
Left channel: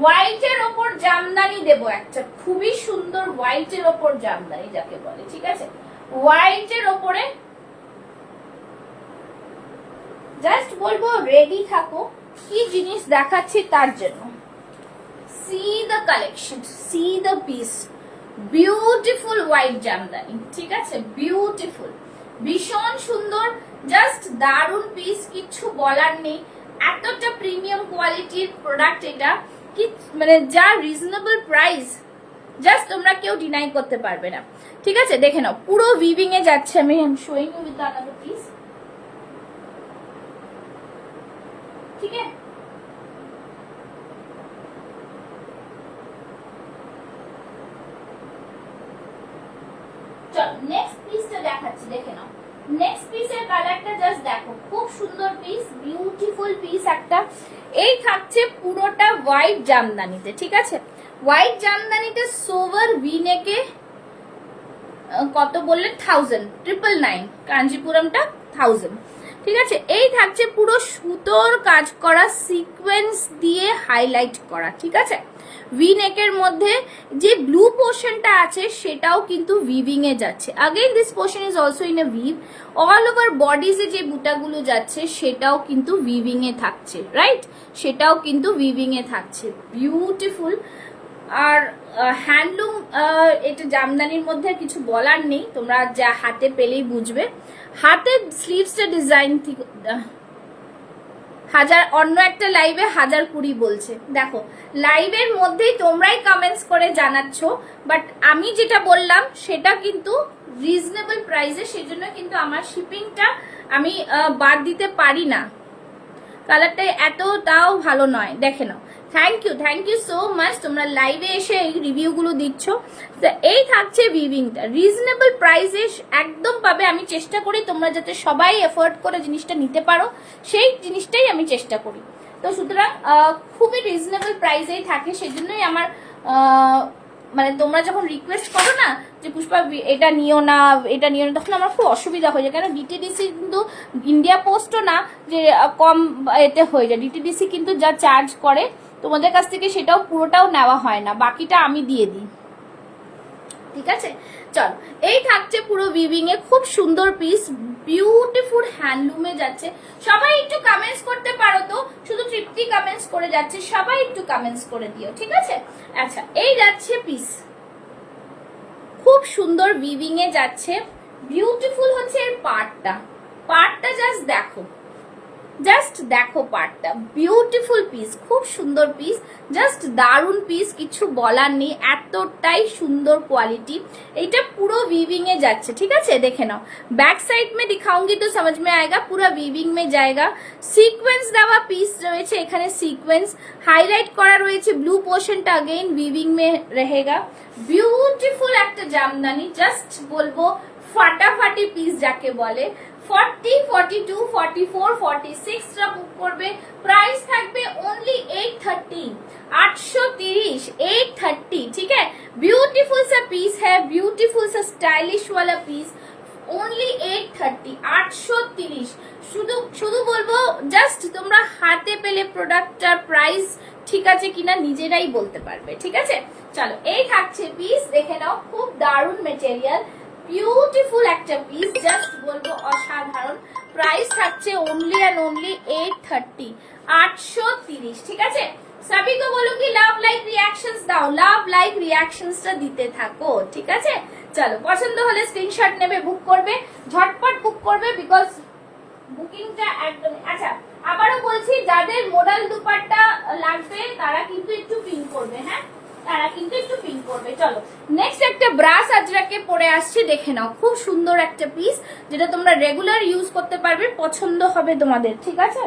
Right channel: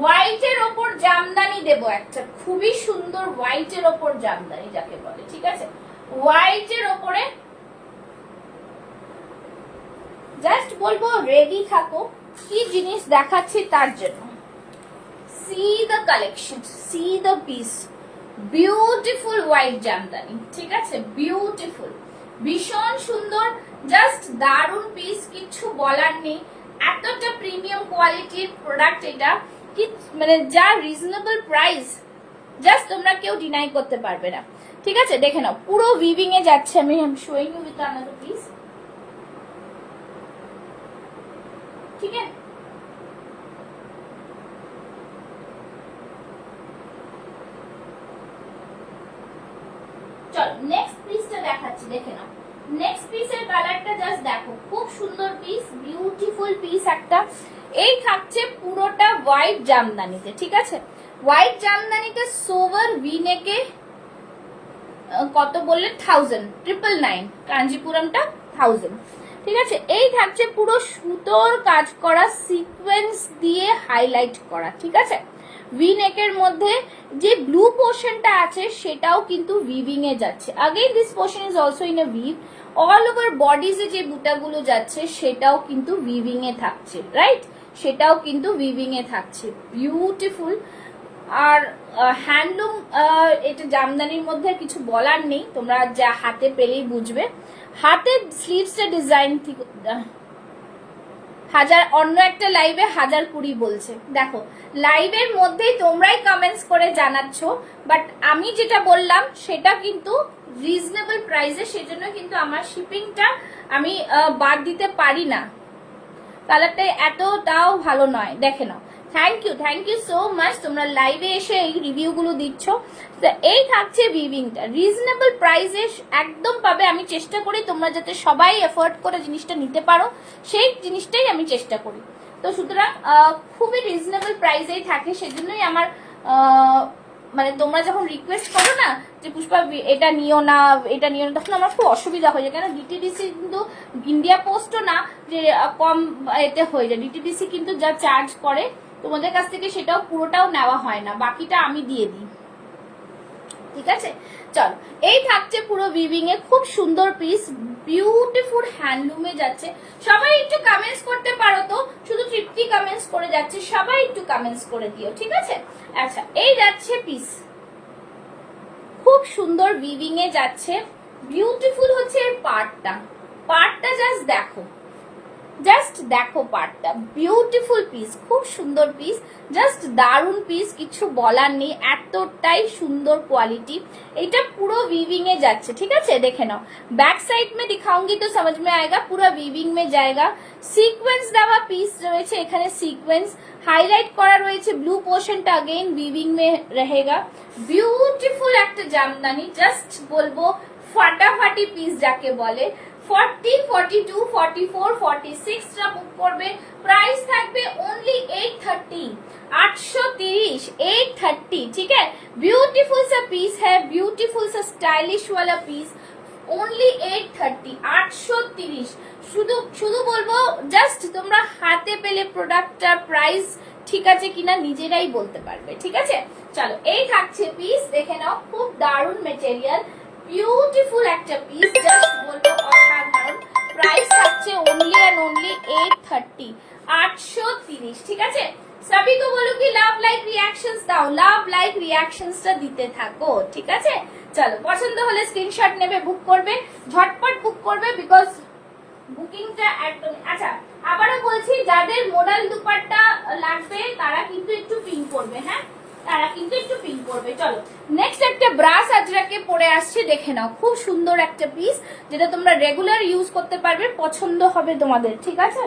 হোয়াইটের ওপর জামদানি দেব, একটা খুবই সুন্দর হোয়াইটের ওপর জামদানি যাকে বলে, ঠিক আছে। হোয়াইটের ওপরে জাস্ট বলবো রেডি থাকো, কি জিনিস দেখাচ্ছি তার জন্য। See the collection, see the piece, beautiful white Jamdani, ঠিক আছে, বিউটিফুল, ভীষণ সুন্দর, জাস্ট দারুন পিস, কিছু বলার নেই। এতটা প্রিমিয়াম কোয়ালিটির প্রোডাক্ট এটা, কি মানে যা রিজনেবল প্রাইস, জাস্ট তোমরা কেউ ডিনাই করতে পারবে না, ঠিক আছে। দেখে নাও পুরো উইভিং এ যাচ্ছে, আমি showing you with another piece, ঠিক আছে। চলো নেক্সট পিসটা দেখাচ্ছি, দেখে নাও। নেক্সট পিসের কালারটা জাস্ট দেখো, খুব সুন্দর পিস, বিউটিফুল পিস একটা। এই থাকছে পুরোটা হোয়াইট জামদানিতে, ঠিক আছে। হোয়াইট জামদানিতে সোভার ভি নেকে কত বললে 1000, 999, কাঞ্জিপুরমটা 1000, ঠিক আছে। এই থাকছে পুরো সুতোর কাজ করা, সিকোয়েন্স দিয়ে হাইলাইট করা, ঠিক আছে। ভি নেকের মধ্যে যে ব্লু পোর্শনটা আছে সেটাও কিন্তু উইভিং এ যাচ্ছে। Again this portion is also in a weave, all over বডিজে যে বুটাগুলো যাচ্ছে সেটাও কিন্তু উইভিং এ থাকছে, রাইট, সেটাও কিন্তু উইভিং এ থাকছে, বিউটিফুল। আর হ্যান্ডলুম, এটা জামদানির মধ্যে কিছু বলার নেই, তোমরা যা হাতে পেলেই বুঝবে। হাতের স্লিভসটা ডিজাইন থেকে হাজার, অন্য একটা লাইভে 1020 বলছে, দেখো লাইভের মধ্যেই তোমরাই কমেন্টস করে জানাচ্ছ, বাট আমি যেটা বললাম সেটা কিন্তু রিজনেবল প্রাইসে, সেজন্য কিন্তু আমার শিপিংটা আমি বাদ দিতে পারি না। কালারটা এতটাও ভালো নয়, দেখে নাও। থ্যাংক ইউ সো মাচ, তোমরা লাইভে এসে এই রিভিউ গুলো দিচ্ছ। এই থাকছে উইভিংটা, রিজনেবল প্রাইসে একদম পাবে। আমি চেষ্টা করি তোমরা যাতে সবাই এফোর্ড করে জিনিসটা নিতে পারো, সেই জিনিসটাই আমি চেষ্টা করি। তো সুতরাং খুবই রিজনেবল প্রাইসেই থাকে, সেজন্যই আমার মানে তোমরা যখন রিকোয়েস্ট করো না যে পুষ্পা এটা নিও না, এটা নিও না, তখন আমার খুব অসুবিধা হয়ে যায়। কারণ ডিটিডিসি কিন্তু ইন্ডিয়া পোস্টও না যে কম এতে হয়ে যায়, ডিটিডিসি কিন্তু যা চার্জ করে তোমাদের কাছ থেকে সেটাও পুরোটাও নেওয়া হয় না, বাকিটা আমি দিয়ে দিই, ঠিক আছে। চলো এই থাকছে পুরো উইভিং এ, খুব সুন্দর পিস, বিউটিফুল হ্যান্ডলুমে যাচ্ছে। সবাই একটু কমেন্টস করতে পারো তো, শুধু তৃপ্তি কমেন্টস করে যাচ্ছে, সবাই একটু কমেন্টস করে দিও, ঠিক আছে। আচ্ছা এই যাচ্ছে পিস, খুব সুন্দর উইভিং এ যাচ্ছে, বিউটিফুল হচ্ছে এর পার্টটা জাস্ট দেখো পার্টটা, বিউটিফুল পিস, খুব সুন্দর পিস, জাস্ট দারুন পিস, কিছু বলার নেই, এতটাই সুন্দর কোয়ালিটি। এটা পুরো वीविंग এ যাচ্ছে, ঠিক আছে। দেখে নাও, बैक साइड में दिखाऊंगी तो समझ में आएगा, पूरा वीविंग में जाएगा। সিকোয়েন্স দেওয়া পিস রয়েছে এখানে, সিকোয়েন্স হাইলাইট করা রয়েছে, ব্লু পোর্শনটা अगेन वीविंग में रहेगा। বিউটিফুল একটা জামদানি, জাস্ট বলবো ফাটাফাটি পিস যাকে বলে। 40, 42, 44, 46 টা বুক করবে, प्राइस থাকবে ओनली 830, 830, 830, ठीक है। ब्यूटीफुल सा पीस है, ब्यूटीफुल सा स्टाइलिश वाला पीस, ओनली 830, 830। শুধু শুধু বলবো জাস্ট তোমরা হাতে পেলে প্রোডাক্টটার প্রাইস ঠিক আছে কিনা নিজেরাই বলতে পারবে, ঠিক আছে। চলো এই থাকছে পিস, দেখে নাও, খুব দারুন মেটেরিয়াল, বিউটিফুল একটা পিস, জাস্ট বলবো অসাধারণ। প্রাইস থাকছে ओनली एंड ओनली 830, 830, ঠিক আছে। सभी को बोलो कि लव लाइक रिएक्शंस दाओ, लव लाइक रिएक्शंसটা দিতে থাকো, ঠিক আছে। চলো পছন্দ হলে স্ক্রিনশট নেবে, বুক করবে, ঝটপট বুক করবে, বিকজ বুকিংটা একদম। আচ্ছা আবারও বলছি, যাদের মোডাল দুপাট্টা লাগবে তারা কিন্তু একটু পিন করবে, হ্যাঁ, তারা কিন্তু একটু পিন করবে। চলো নেক্সট একটা ব্রাস আজরাকে পরে আসছে, দেখে নাও, খুব সুন্দর একটা পিস, যেটা তোমরা রেগুলার ইউজ করতে পারবে, পছন্দ হবে তোমাদের, ঠিক আছে।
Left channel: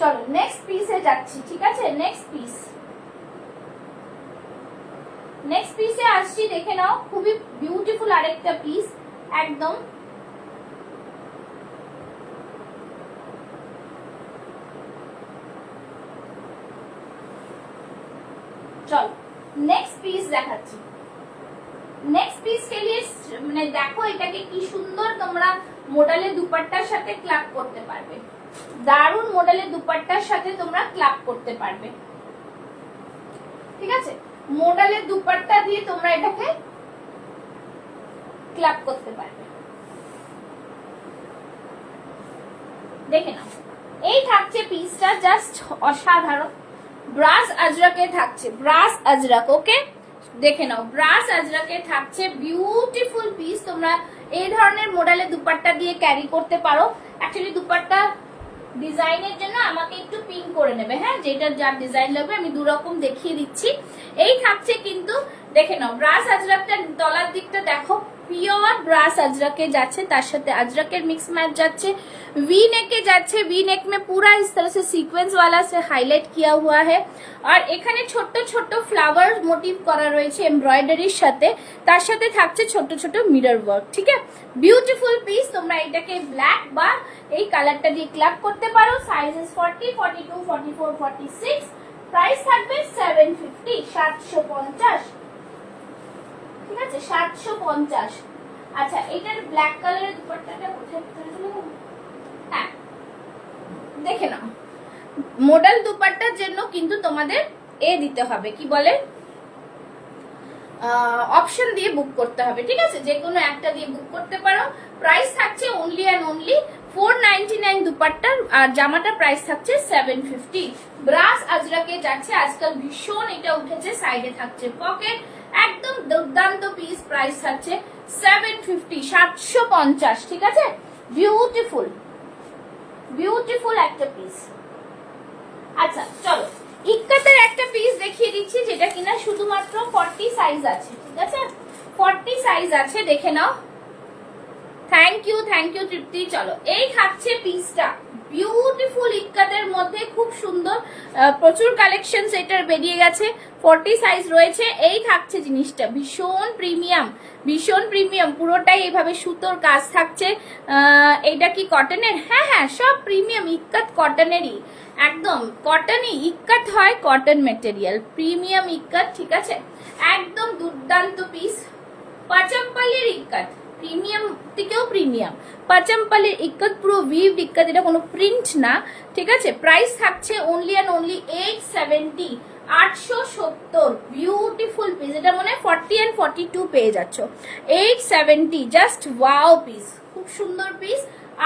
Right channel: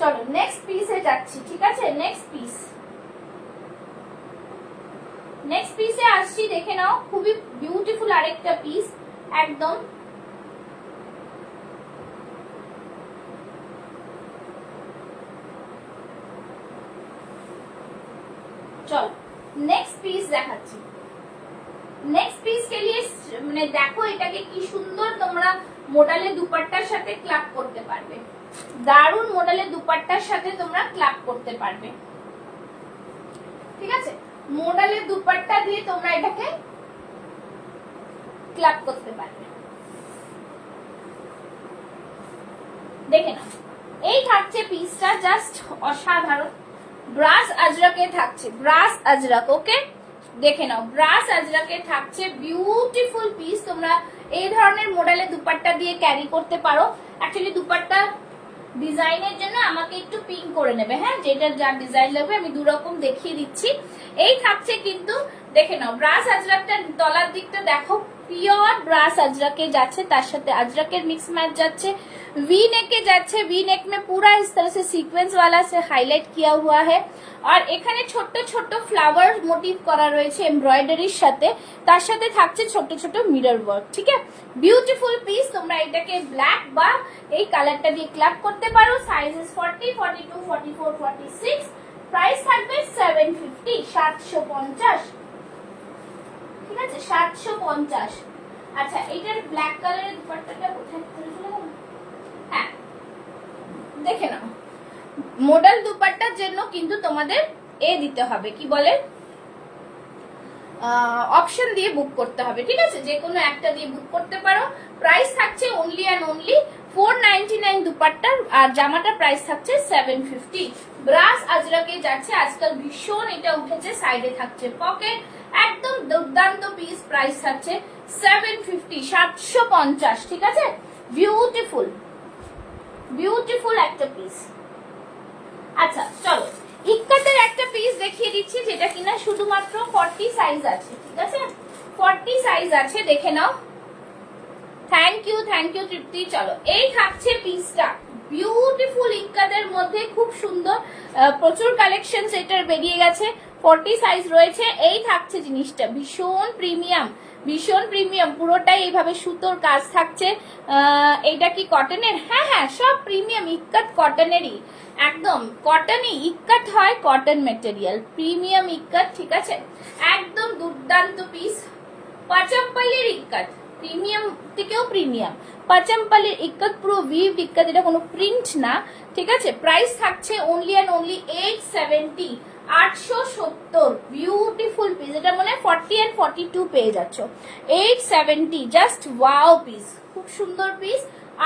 চলো নেক্সট পিসে যাচ্ছি, ঠিক আছে। নেক্সট পিসে আসছি, দেখে নাও, খুবই বিউটিফুল আরেকটা পিস, একদম পিস দেখাচ্ছি। নেক্সট পিস কে লিয়ে মানে দেখো এটাকে কি সুন্দর তোমরা মডেলের দুপাট্টার সাথে ক্লাব করতে পারবে, দারুন মডেলের দুপাট্টার সাথে তোমরা ক্লাব করতে পারবে। ঠিক আছে, মডেলের দুপাট্টা দিয়ে তোমরা এটাকে ক্লাব করতে পারবে। দেখে নাও, এই থাকছে পিসটা, জাস্ট অসাধারণ। ব্রাশ আজরাকে থাকছে, ব্রাশ আজরাক। ওকে, দেখে নাও, ব্রাশ আজরাকে থাকছে বিউটিফুল পিস। তোমরা এই ধরনের মডেলের দুপাট্টা দিয়ে ক্যারি করতে পারো। অ্যাকচুয়ালি দুপাট্টা ডিজাইনের জন্য আমাকে একটু পিন করে নেবে, হ্যাঁ, যেটা যার ডিজাইন লাগবে আমি দু রকম দেখিয়ে দিচ্ছি। এই থাকছে কিন্তু, দেখে নাও, ব্রাশ আজরাকটা তলার দিকটা দেখো, পিওর ব্রাশ আজরাকে যাচ্ছে, তার সাথে আজরাকের मिक्स मैच যাচ্ছে, वी नेक के যাচ্ছে, वी नेक में पूरा इस तरह से सीक्वेंस वाला से हाईलाइट किया हुआ है। আর এখানে ছোট ছোট ফ্লাওয়ার মোটিভ করা রয়েছে এমব্রয়ডারির সাথে, তার সাথে থাকছে ছোট ছোট মিরর ওয়ার্ক। ঠিক আছে, বিউটিফুল পিস। তোমরা এটাকে ব্ল্যাক বা এই কালারটা দিয়ে ক্লাব করতে পারো। সাইজেস 40, 42, 44, 46। প্রাইস থাকবে 750, 750। ঠিক আছে, 750। আচ্ছা, এটার ব্ল্যাক কালারের দুপাট্টাটা কোথায় চলে গেল? হ্যাঁ, দেখে নাও, মডেল দুপাট্টার জন্য কিন্তু তোমাদের দিতে হবে, কি বলে, অপশন দিয়ে বুক করতে হবে। ঠিক আছে, যে কোনো একটা দিয়ে বুক করতে পারো। প্রাইস থাকছে অনলি অ্যান্ড অনলি 499 দুপাট্টার, আর জামাটা প্রাইস থাকছে 750। ব্রাশ আজরাকে যাচ্ছে, আজকাল ভীষণ এটা উঠেছে। সাইডে থাকছে পকেট, একদম দুর্দান্ত পিস। প্রাইস থাকছে 750, 750। ঠিক আছে, বিউটিফুল বিউটিফুল একটা পিস। আচ্ছা চলো, ইক্কাতের একটা পিস দেখিয়ে দিচ্ছি, যেটা কিনা শুধুমাত্র 40 সাইজ আছে। ঠিক আছে, 40 সাইজ আছে, দেখে নাও। থ্যাংক ইউ তৃপ্তি। চলো, এই থাকছে পিসটা, বিউটিফুল ইক্কাতের মধ্যে, খুব সুন্দর, প্রচুর কালেকশন এটার বেরিয়ে গেছে। 40 সাইজ রয়েছে। এই থাকছে জিনিসটা, ভীষণ প্রিমিয়াম, ভীষণ প্রিমিয়াম। পুরোটাই এইভাবে সুতোর কাজ থাকছে। এটা কি কটনের? হ্যাঁ হ্যাঁ, সব প্রিমিয়াম ইক্কাত কটনেরই, একদম কটনই ইক্কাত হয়, কটন মেটেরিয়াল, প্রিমিয়াম ইক্কাত। ঠিক আছে, একদম দুর্দান্ত পিস। পাচাম্পালির ইক্কাত, প্রিমিয়াম থেকেও প্রিমিয়াম। পাচাম্পালির ইক্কাত, পুরো উইভড ইক্কাত, এটা কোনো প্রিন্ট না। ঠিক আছে, প্রাইস থাকছে only and only 870, 870। Beautiful piece, এটা মনে হয় 40 and 42 পেয়ে যাচ্ছ। 870, জাস্ট ওয়াও পিস, খুব সুন্দর পিস।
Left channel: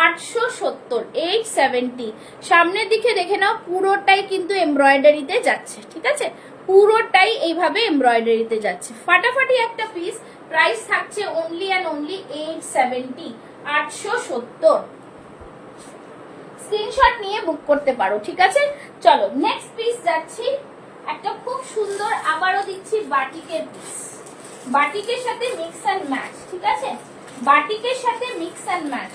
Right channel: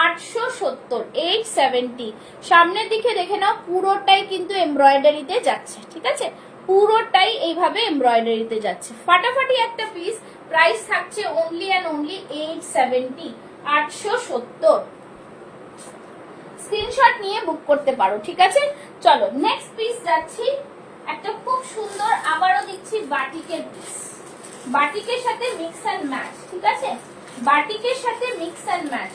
870, 870। সামনের দিকে দেখে নাও, পুরোটাই কিন্তু এমব্রয়ডারিতে যাচ্ছে। ঠিক আছে, পুরোটাই এইভাবে এমব্রয়ডারিতে যাচ্ছে, ফাটাফাটি একটা পিস। প্রাইস থাকছে অনলি অ্যান্ড অনলি 870, 870। স্ক্রিনশট নিয়ে বুক করতে পারো। ঠিক আছে, চলো নেক্সট পিস যাচ্ছি। একটা খুব সুন্দর, আবারও দিচ্ছি, বাটিকের পিস, বাটিকের সাথে মিক্স অ্যান্ড ম্যাচ। ঠিক আছে, বাটিকের সাথে মিক্স অ্যান্ড ম্যাচ।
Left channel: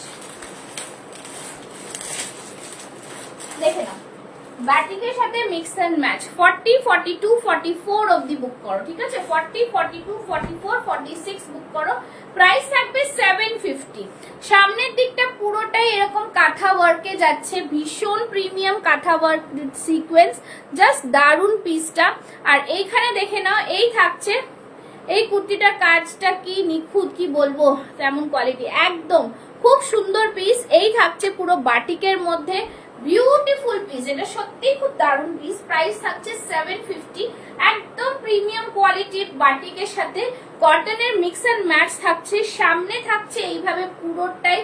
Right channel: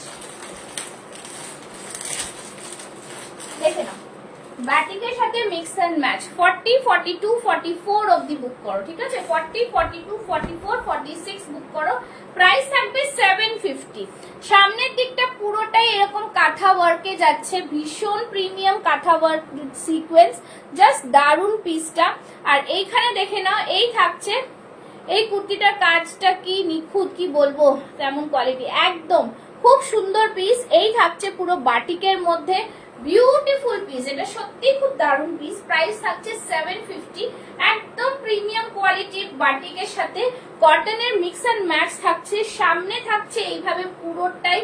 দেখে নাও, বাটিকের সাথে মিক্স অ্যান্ড ম্যাচ। 40, 42, 44 অবধি বুক করো। ঠিক আছে, 40, 42, 44, 46 বুক করো। প্রাইস থাকবে 750। সামনের দিকটা পুরোটাই এরকম কাঁথা ওয়ার্কে যাচ্ছে, ভীষণ প্রিমিয়াম কাঁথা ওয়ার্ক সিকোয়েন্স, জাস্ট দারুন পিসটা। আর এইখানে দেখে নাও, এই থাকছে, এই কুর্তিটার কাজটা কি নিখুঁত, কি বলবো, কেমন কোয়ালিটি, একদম খুব সুন্দর পিস। এই থাকছে পুরো বাটিকের মধ্যে, বিউটিফুল পিস, এটা সত্যি খুব দারুন পিস। প্রাইস থাকছে 750, একদম প্রিমিয়াম কোয়ালিটির বাটিকের সাথে কটনের মিক্স এন্ড ম্যাচ থাকছে। সামনে থাকছে এইভাবে পুরোটাই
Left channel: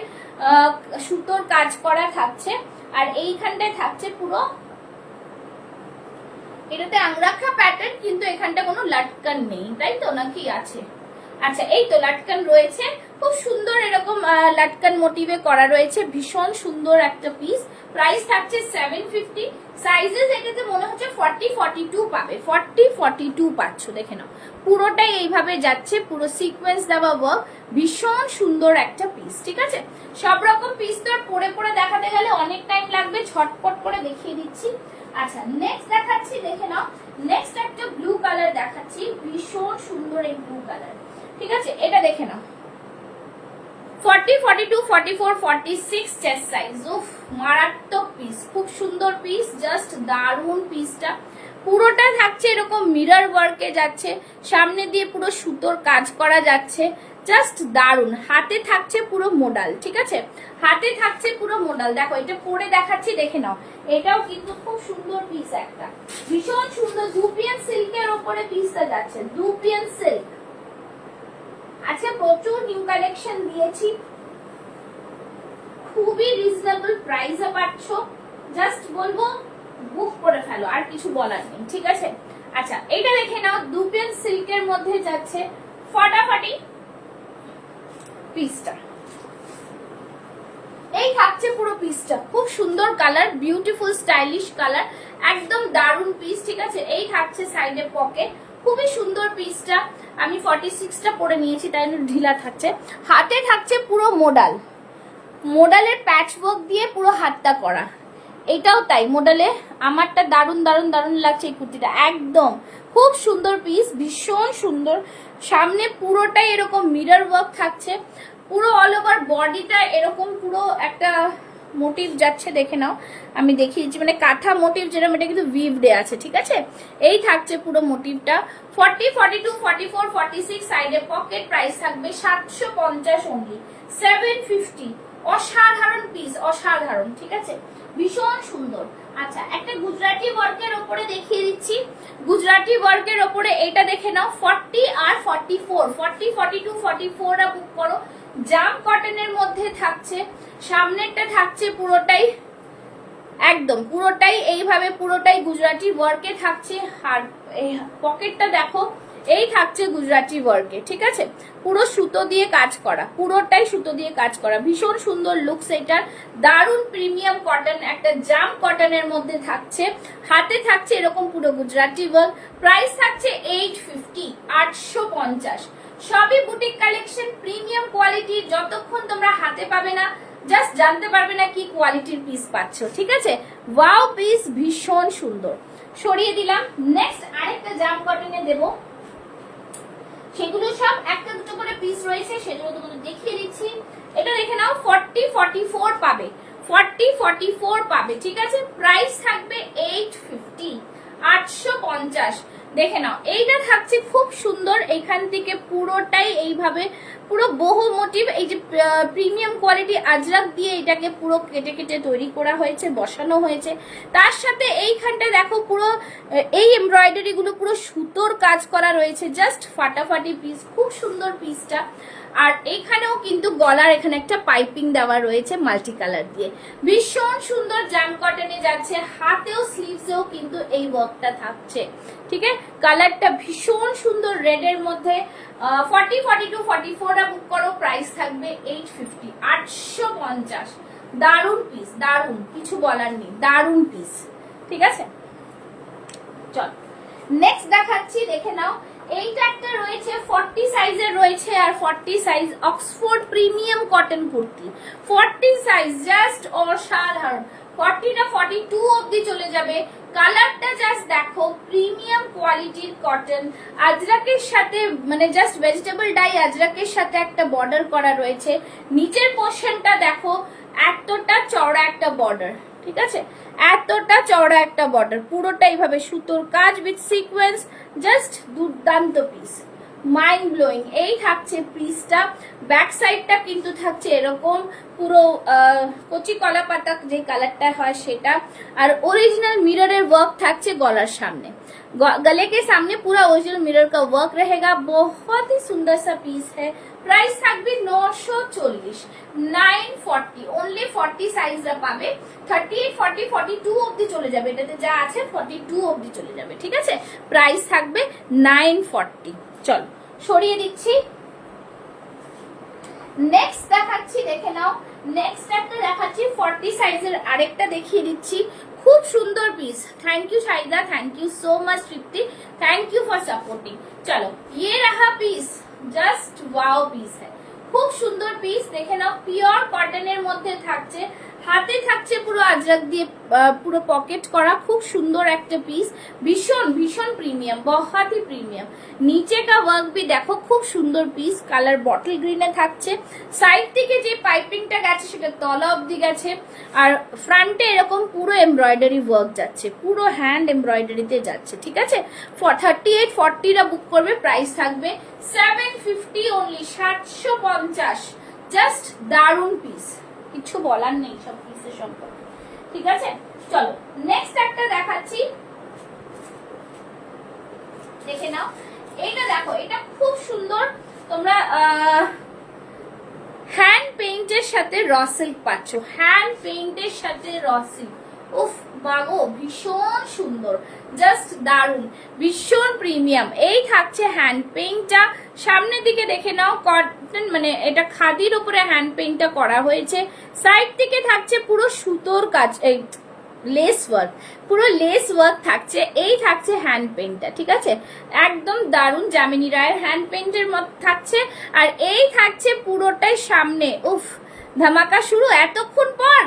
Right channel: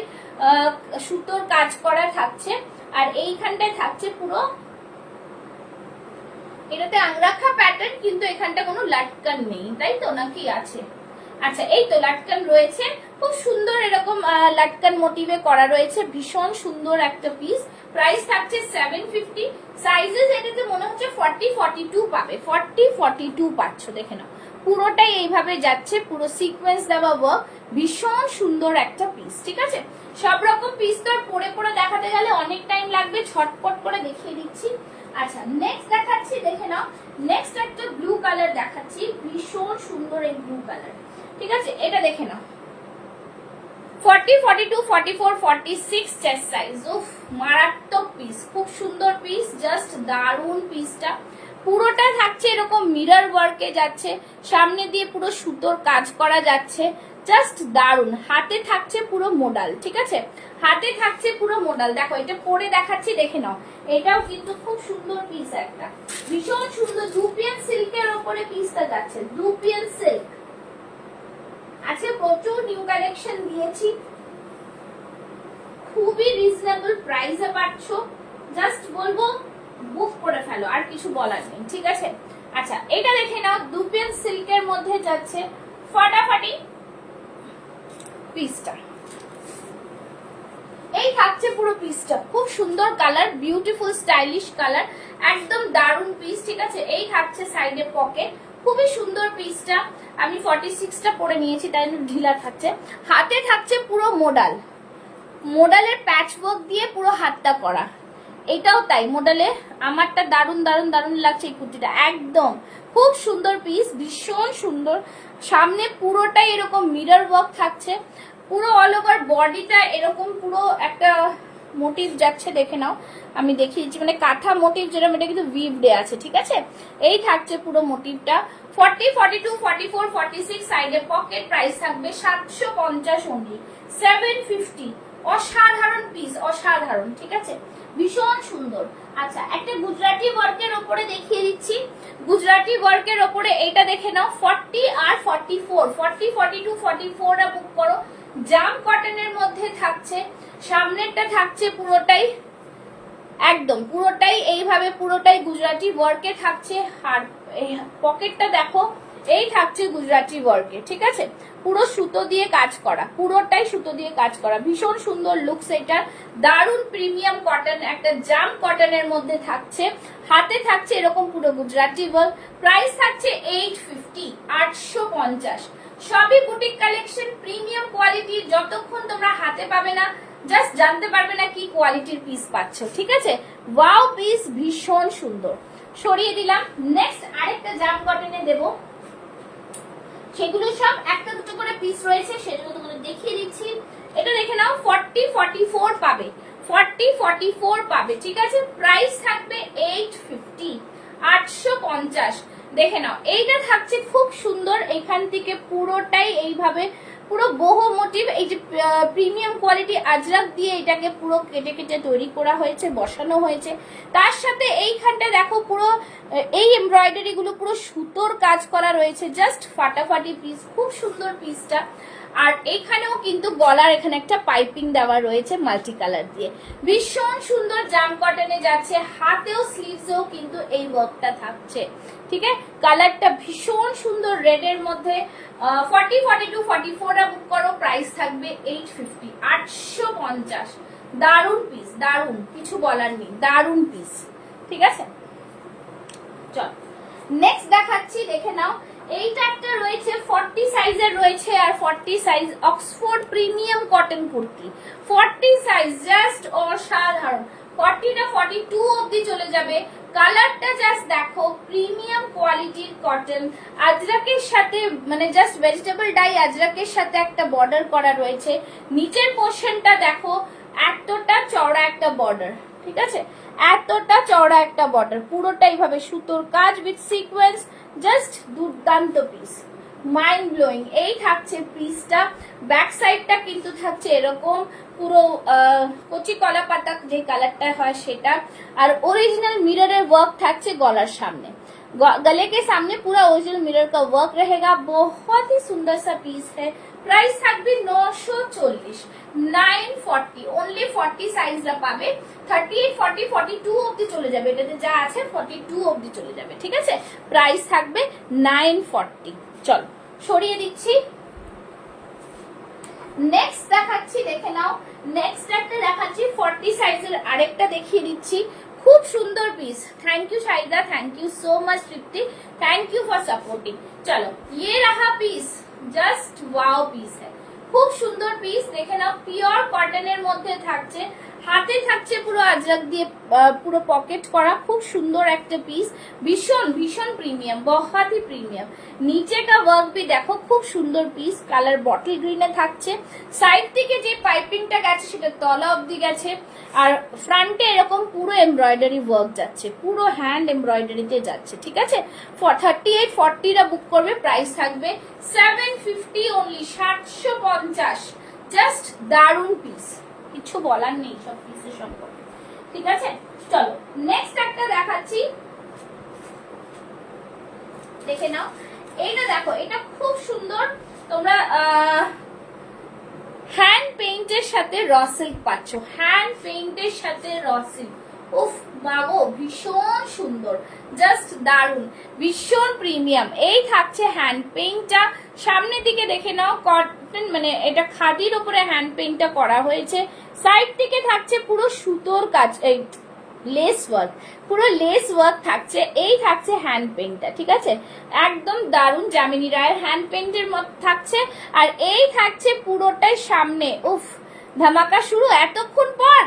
সুতোর কাজ করা থাকছে, আর এইখানটায় থাকছে পুরো, এটাতে আংরাখা প্যাটার্ন, কিন্তু এখানটা কোনো লাটকান নেই, তাই তো নাকি আছে? আচ্ছা, এই তো লাটকান রয়েছে, খুব সুন্দর এরকম লাটকান মোটিভে করা রয়েছে, ভীষণ সুন্দর একটা পিস। প্রাইস থাকছে 750। সাইজেস এটাতে মনে হচ্ছে 40, 42 পাবে, 40, 42 পাচ্ছ। দেখে নাও, পুরোটাই এইভাবে যাচ্ছে, পুরো সিকোয়েন্স দেওয়া ওয়ার্ক, ভীষণ সুন্দর একটা পিস। ঠিক আছে, সব রকম পিস তো পরে পরে দেখাতে গেলে অনেক টাইম লাগবে, ঝটপট করে দেখিয়ে দিচ্ছি। আচ্ছা, নেক্সট দেখাচ্ছি, দেখে নাও, নেক্সট একটা ব্লু কালার দেখাচ্ছি, ভীষণ সুন্দর এই ব্লু কালার। ঠিক আছে, এটা দেখে নাও, 40, 42, 44, 46 চেস্ট সাইজ। উফ, মারাত্মক পিস, খুব সুন্দর পিস, জাস্ট দারুন পিসটা। পুরোটা থাকছে এরকম মিরর ওয়ার্কে যাচ্ছে, সামনে দিয়ে পুরো সুতোর কাজ করা যাচ্ছে, জাস্ট দারুন। হাতে থাকছে পুরো মোডাল, ঠিক আছে, হাতে থাকছে পুরো মোডাল। দেখো এটা পরে দেখাচ্ছি, দেখে নাও। এটাও কিন্তু খুব সুন্দর পিস, একটা ভীষণ সুন্দর দুপিয়ান সিল্কের ওপরে পিসটা যাচ্ছে, দুপিয়ান সিল্ক আছে। প্রচুর নিউ কালেকশন দিয়েছি, খুবই রিজনেবল প্রাইসে পাচ্ছ। জাস্ট বলবো বুক করে ফেলো, আর কিছু বলার নেই, ঠিক আছে। আচ্ছা এটা দেখে নাও, দুপিয়ান সিল্কের মধ্যে যাচ্ছে ফাটাফাটি পিসটা। এই থাকছে পুরো পিসটা, খুব সুন্দর কালার, বিউটিফুল স্টাইলিশ কালার, একদম দারুন পিস, ঠিক আছে। এই থাকছে সাইডে পকেট, খুবই সুন্দর পিসটা। আমি 46টা পরে নিয়েছি, তাই ঢিলা থাকছে। হাতে থাকছে পুরো মোডাল, মোডালের প্যাচ ওয়ার্ক দিয়ে পুরো হাতটা করা, এটাও তাই মোডালে। আমারটা দারুন দারুন দারুন লাগছে এই কুর্তিটা, একদম খুব সুন্দর পিস, ভীষণ সুন্দর। সামনে পুরোটাই এরকম মিরর ওয়ার্ক থাকছে, পুরো অল ওভার বডিটা এরকম পুরো একটা মোটিভ যাচ্ছে, দেখে নাও। আমি দেখিয়ে দিচ্ছি, মানে কাঁথা মোটিভ যেরকম, এটা কিন্তু উইভডে আছে, ঠিক আছে। এই থাকছে পুরো মোটিভটা। 40, 42, 44, 46 সাইডে পকেট, প্রাইস থাকবে 750 অনলি, 750। অসাধারণ পিস, অসাধারণ, ঠিক আছে, ভীষণ সুন্দর। আচ্ছা একটা গুজরাটি ওয়ার্কের উপরে দেখিয়ে দিচ্ছি, গুজরাটি ওয়ার্কের উপরে এইটা দেখে নাও। 40 আর 44, 40, 42, 44 বুক করো। জাম কটনের মধ্যে থাকছে, সামনেরটা থাকছে পুরোটাই একদম পুরোটাই এইভাবে, পুরোটাই গুজরাটি ওয়ার্কে থাকছে। আর এই পকেটটা দেখো, এই থাকছে গুজরাটি ওয়ার্কে, ঠিক আছে, পুরো সুতো দিয়ে কাজ করা, পুরোটাই সুতো দিয়ে কাজ করা, ভীষণ সুন্দর লুকস এটা। দারুন প্রিমিয়াম কটন, একটা জাম কটনের মধ্যে থাকছে। হাতে থাকছে এরকম পুরো গুজরাটি ওয়ার্ক, প্রাইস থাকছে 850, 850। সবই বুটিক কালেকশন, প্রিমিয়াম কোয়ালিটির। যতক্ষণ তোমরা হাতে পাবে না, জাস্ট জানতে পারবে না কি কোয়ালিটির পিস পাচ্ছ, ঠিক আছে। ওয়াও পিস, ভীষণ সুন্দর। সরিয়ে দিলাম। নেক্সট আরেকটা জাম কটনে দেব, সেগুলো সব একটা দুটো করে পিস রয়েছে, সেগুলো তোমাদের দেখিয়ে দিচ্ছি। এটা দেখে নাও, 40, 44 পাবে, 40, 44 পাবে, ঠিক আছে। প্রাইস থাকবে 850, 850। দেখে নাও, এইটা থাকছে খুব সুন্দর, এখান থেকে পুরোটাই এইভাবে পুরো বহু মোটিভ, এই যে প্রিমিয়াম কোয়ালিটি আজরাক দিয়ে এটাকে পুরো কেটে কেটে তৈরি করা হয়েছে, বসানো হয়েছে। তার সাথে এইখানটা দেখো পুরো এই এমব্রয়ডারি গুলো পুরো সুতোর কাজ করা রয়েছে, জাস্ট ফাটাফাটি পিস, খুব সুন্দর পিসটা। আর এইখানেও কিন্তু গলার এখানে একটা পাইপিং দেওয়া রয়েছে মাল্টি কালার দিয়ে, ভীষণ সুন্দর জাম কটনে যাচ্ছে। হাতেও স্লিভসেও কিন্তু এই ওয়ার্কটা থাকছে, ঠিক আছে। কালারটা ভীষণ সুন্দর, রেড এর মধ্যে। 40, 42, 44 বুক করো, প্রাইস থাকবে 850, 850। দারুন পিস, দারুন, কিছু বলার নেই, দারুন পিস, ঠিক আছে। চল নেক্সট দেখাচ্ছি, দেখে নাও। এইটা একটা রয়েছে 40 সাইজের রয়েছে, আর 40 size Oxford premium cotton kurti, 40 size, just অসাধারণ। 40টা 42 অবধি চলে যাবে। কালারটা জাস্ট দেখো, প্রিমিয়াম কোয়ালিটির কটন, আজরাকের সাথে, মানে জাস্ট ভেজিটেবল ডাই আজরাকের সাথে একটা বর্ডার করা রয়েছে। নিচের পোর্শনটা দেখো, এতটা চওড়া একটা বর্ডার, ঠিক আছে, এতটা চওড়া একটা বর্ডার, পুরোটা এইভাবে সুতোর কাজ উইথ সিকোয়েন্স, জাস্ট দুর্দান্ত পিস, মাইন্ড ব্লোয়িং। এই থাকছে পিসটা। ব্যাক সাইডটা কিন্তু থাকছে এরকম পুরো কচি কলা পাতা যে কালারটা হয় সেটা, আর ओरिजिनल मिरर वर्क থাকছে गलार सामने, गले के सामने पूरा ओरिजिनल मिरर का वर्क रहेगा। बहुत ही सुंदर सा पीस है। প্রাইস থাকবে 940, 940 অনলি। 40 সাইজটা পাবে। 38, 40, 42 অবধি চলে যাবে, এটাতে যা আছে 42 অবধি চলে যাবে, ঠিক আছে। প্রাইস থাকবে 940। চল সরিয়ে দিচ্ছি। নেক্সট দেখাচ্ছি, দেখে নাও। নেক্সট একটা দেখাচ্ছি 40 সাইজের, আরেকটা দেখিয়ে দিচ্ছি, খুব সুন্দর piece. Thank you Shahida, thank you so much Tripti, thank you for supporting. चलो ये रहा पीस, জাস্ট ওয়াও পিস है, খুব সুন্দর পিস। দেখে নাও, পিওর কটনের মধ্যে থাকছে, হাতে থাকছে পুরো আজরাক দিয়ে পুরো পকেট করা, খুব সুন্দর একটা পিস, ভীষণ ভীষণ প্রিমিয়াম, बहुत ही প্রিমিয়াম। নিচে কা ওয়ার্ক ভি দেখো, খুব সুন্দর পিস, কালার বটল গ্রিনে থাকছে। সাইড থেকে যে পাইপিংটা গেছে সেটা তলা অবধি গেছে, আর ফ্রন্টে এরকম পুরো এমব্রয়ডারি ওয়ার্ক যাচ্ছে, পুরো হ্যান্ড এমব্রয়ডারিতে যাচ্ছে, ঠিক আছে। 38-40 বুক করবে, প্রাইস থাকবে 750 অনলি, 750। জাস্ট দারুন পিস, কিছু বলার নেই সব পিসের সম্পর্কে, ঠিক আছে। চলো নেক্সট একটা দেখাচ্ছি, দেখে নাও। এইটা দেখো, এটা খুব সুন্দর, তোমরা হ্যান্ড পেইন্টের সাথে র সিল্ক পাচ্ছ, হ্যান্ড পেইন্টের সাথে র সিল্ক, উফ বাগো ভীষণ সুন্দর, জাস্ট দারুন, ভীষণ প্রিমিয়াম। এই থাকছে হ্যান্ড পেইন্টটা, সামনের দিকে দেখে নাও কটন, মানে এটা খাদির উপরে হ্যান্ড পেইন্টটা করা হয়েছে। সাইড থেকে থাকছে পুরো সুতোর কাজ, এই লেস ওয়ার্ক, পুরো লেস ওয়ার্ক থাকছে। এই থাকছে হ্যান্ড পেইন্টটা, ঠিক আছে, একদম দারুন যামিনী রায়ের হ্যান্ড পেইন্টের মতো থাকছে। আর এই থাকছে পুরোটাই সামনে, উফ ধামাকা শুরু, এতক্ষণ পর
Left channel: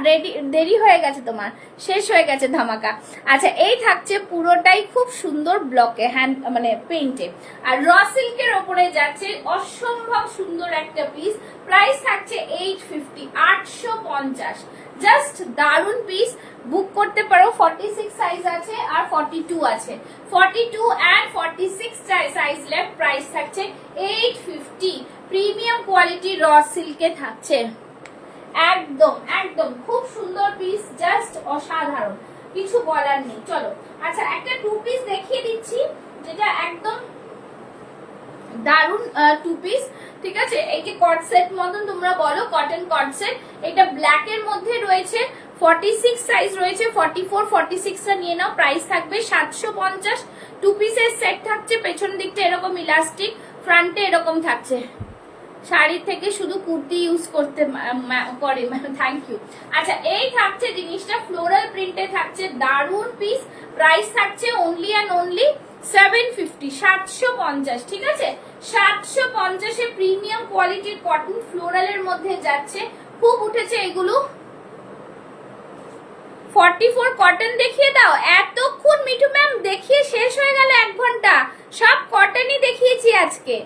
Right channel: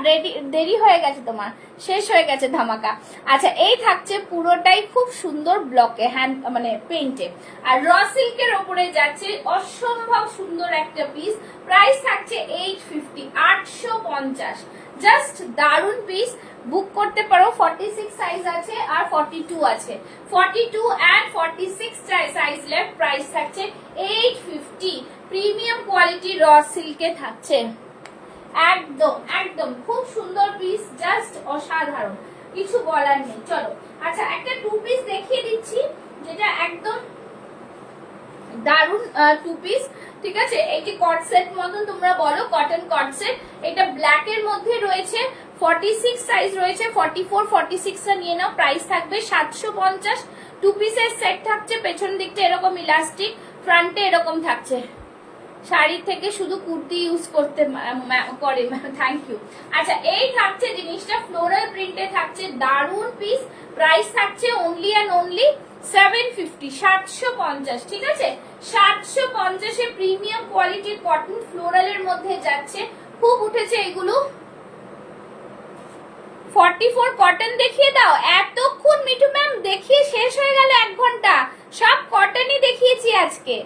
দেরি হয়ে গেছে তোমার, শেষ হয়ে গেছে ধামাকা। আচ্ছা এই থাকছে পুরোটাই খুব সুন্দর ব্লকে হ্যান্ড মানে পেইন্টে, আর র সিল্কের ওপরে যাচ্ছে, অসম্ভব সুন্দর একটা পিস। প্রাইস থাকছে 850, 850, জাস্ট দারুন পিস। বুক করতে পারো, 46 সাইজ আছে আর 42 আছে, 42 এন্ড 46 সাইজ লেফট। প্রাইস থাকছে 850, প্রিমিয়াম কোয়ালিটি র সিল্কে থাকছে, একদম একদম খুব সুন্দর পিস, জাস্ট অসাধারণ, কিছু বলার নেই। চলো আচ্ছা একটা টু পিস দেখিয়ে দিচ্ছি, যেটা একদম দারুন টু পিস, ঠিক আছে। এইটি কট সেট মতন তোমরা বলো, কটন কট সেট, এটা ব্ল্যাক এর মধ্যে রয়েছে, 46 সাইজ রয়েছে, 44 46 টা নিয়ে নাও। প্রাইস থাকবে 750। টু পিসের সেট থাকছে, পেছন দিকটা এরকম ইলাস্টিক, ফ্রন্টে এরকম থাকছে। শাড়ি থেকে শুধু কুর্তি ইউজ করতে করে, থ্যাংক ইউ। আচ্ছা এই থাকছে জিনিসটা, ফ্লোরাল প্রিন্টে থাকছে, দারুন পিস। প্রাইস থাকছে অনলি অ্যান্ড অনলি 750, 750, ঠিক আছে। 750 এ প্রিমিয়াম কোয়ালিটির কটন ফ্লোরালের মধ্যে যাচ্ছে, খুব উঠেছে এগুলো। 44 কটন দেখিয়ে দাও, এতক্ষণ মিঠু ম্যাম দেখিয়ে শেষ হয়ে গেল 1 ঘন্টা, সব কটনই দেখিয়েছি আজকে।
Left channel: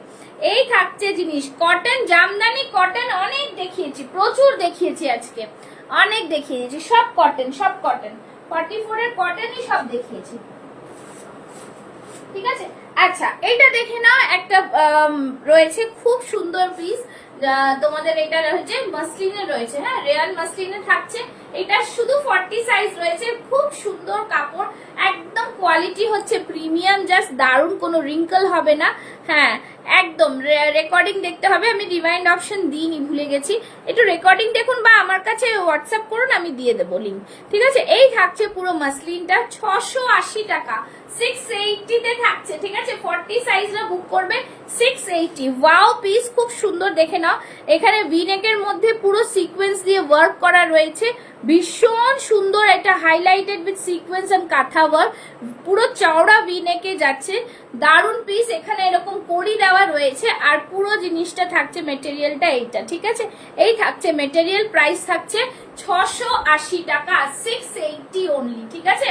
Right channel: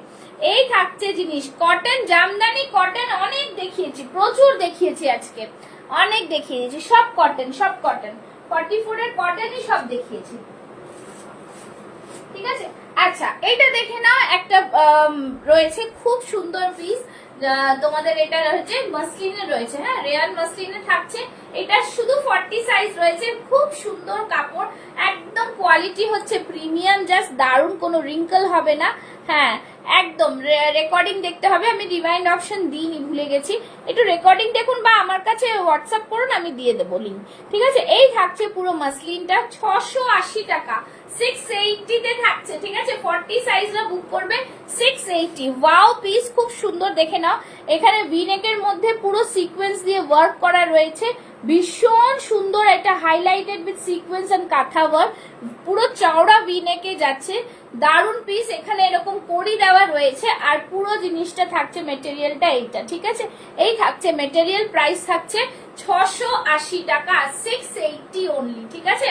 এই থাকছে জিনিস, কটন জামদানি কটন অনেক দেখিয়েছি, প্রচুর দেখিয়েছি আজকে, অনেক দেখিয়েছি, সব কটন, সব কটন, 44 এর কটনই সব দেখিয়েছি, ঠিক আছে। আচ্ছা এটা দেখে নাও, একটা রয়েছে খুব সুন্দর পিস, তোমাদের এটা রয়েছে মাসলিনে রয়েছে, হ্যাঁ রিয়াল মাসলিনে থাকছে, এটা শুধু 40 সাইজ রয়েছে, খুব সুন্দর কাপড়, একদম কোয়ালিটি হচ্ছে প্রিমিয়াম, জাস্ট দারুন, কোনো রিঙ্কল হবে না। হ্যাঁ একদম রেকর্ডিং দেখতে হবে, আমি রিমাইন্ড অপশন দিইনি, ভুলে গেছি, একটু রেকর্ডিং দেখুন বা আমার কাছে হোয়াটসঅ্যাপ করুন, আমি দিয়ে দেবো লিঙ্ক, ঠিক আছে। এই থাকছে পুরো মাসলিনটা, 680 টাকা, 680 তে থাকছে, ঠিক আছে। 40 সাইজরা বুক করবে 680। ওয়াও পিস, খুব সুন্দর, দেখে নাও, এখানে ভি নেকের মধ্যে পুরো সিকোয়েন্স দিয়ে ওয়ার্ক করা রয়েছে, ভীষণ সুন্দর, এটা হাইলাইটেড উইথ সিকোয়েন্স এন্ড কাঁথা ওয়ার্ক, পুরো চওড়া ভি নেকে যাচ্ছে, দারুন পিস। এখানে এরকম কড়ি দেওয়া রয়েছে, আর পুরো জিনিসটা থাকছে মেটেরিয়ালটা এইটা, ঠিক আছে। এই থাকছে মেটেরিয়াল, প্রাইস থাকছে 680 টাকা, 680 অনলি, ঠিক আছে।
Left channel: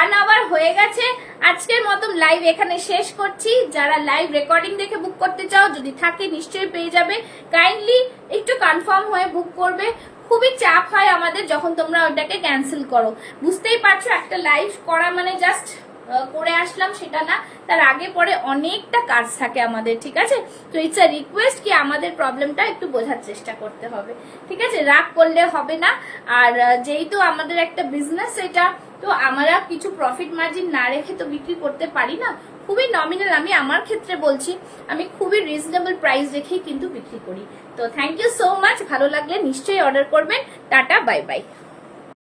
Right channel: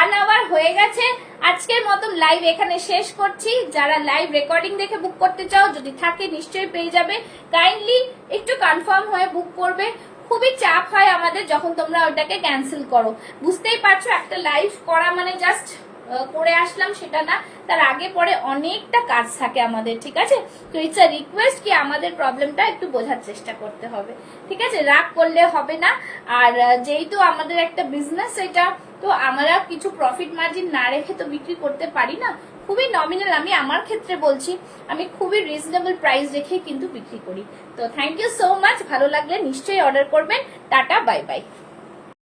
1 আওয়ার হয়ে গেছে, আজকের মতন লাইভ এখানে শেষ করছি। যারা লাইভ রেকর্ডিং দেখে বুক করতে চাও, যদি থাকে নিশ্চয়ই পেয়ে যাবে, কাইন্ডলি একটু কনফার্ম হয়ে বুক করবে, খুবই চাপ হয় আমাদের যখন তোমরা ওটাকে ক্যান্সেল করো, বুঝতেই পারছো, একটা লাইভ করা মানে জাস্ট করে আসলাম সেটা না, তার আগে পরে অনেকটা কাজ থাকে আমাদের, ঠিক আছে। তো ইটস আ রিকোয়েস্ট কি আমাদের প্রবলেমটা একটু বোঝার চেষ্টা করতে হবে, ঠিক আছে, রাগ করলে হবে না। আর যেহেতু আমাদের একটা বিজনেস এটা, তো আমরা কিছু প্রফিট মার্জিন না রেখে তো বিক্রি করতে পারি না, খুবই নমিনাল, আমি আমার ক্ষেত্রে বলছি, আমি খুবই রিজনেবল প্রাইস রেখে কিন্তু বিক্রি করি। তো থ্যাংক ইউ সো মাচ, ভালো লাগলে নিশ্চয়ই অর্ডার করবেন, টাটা বাই বাই।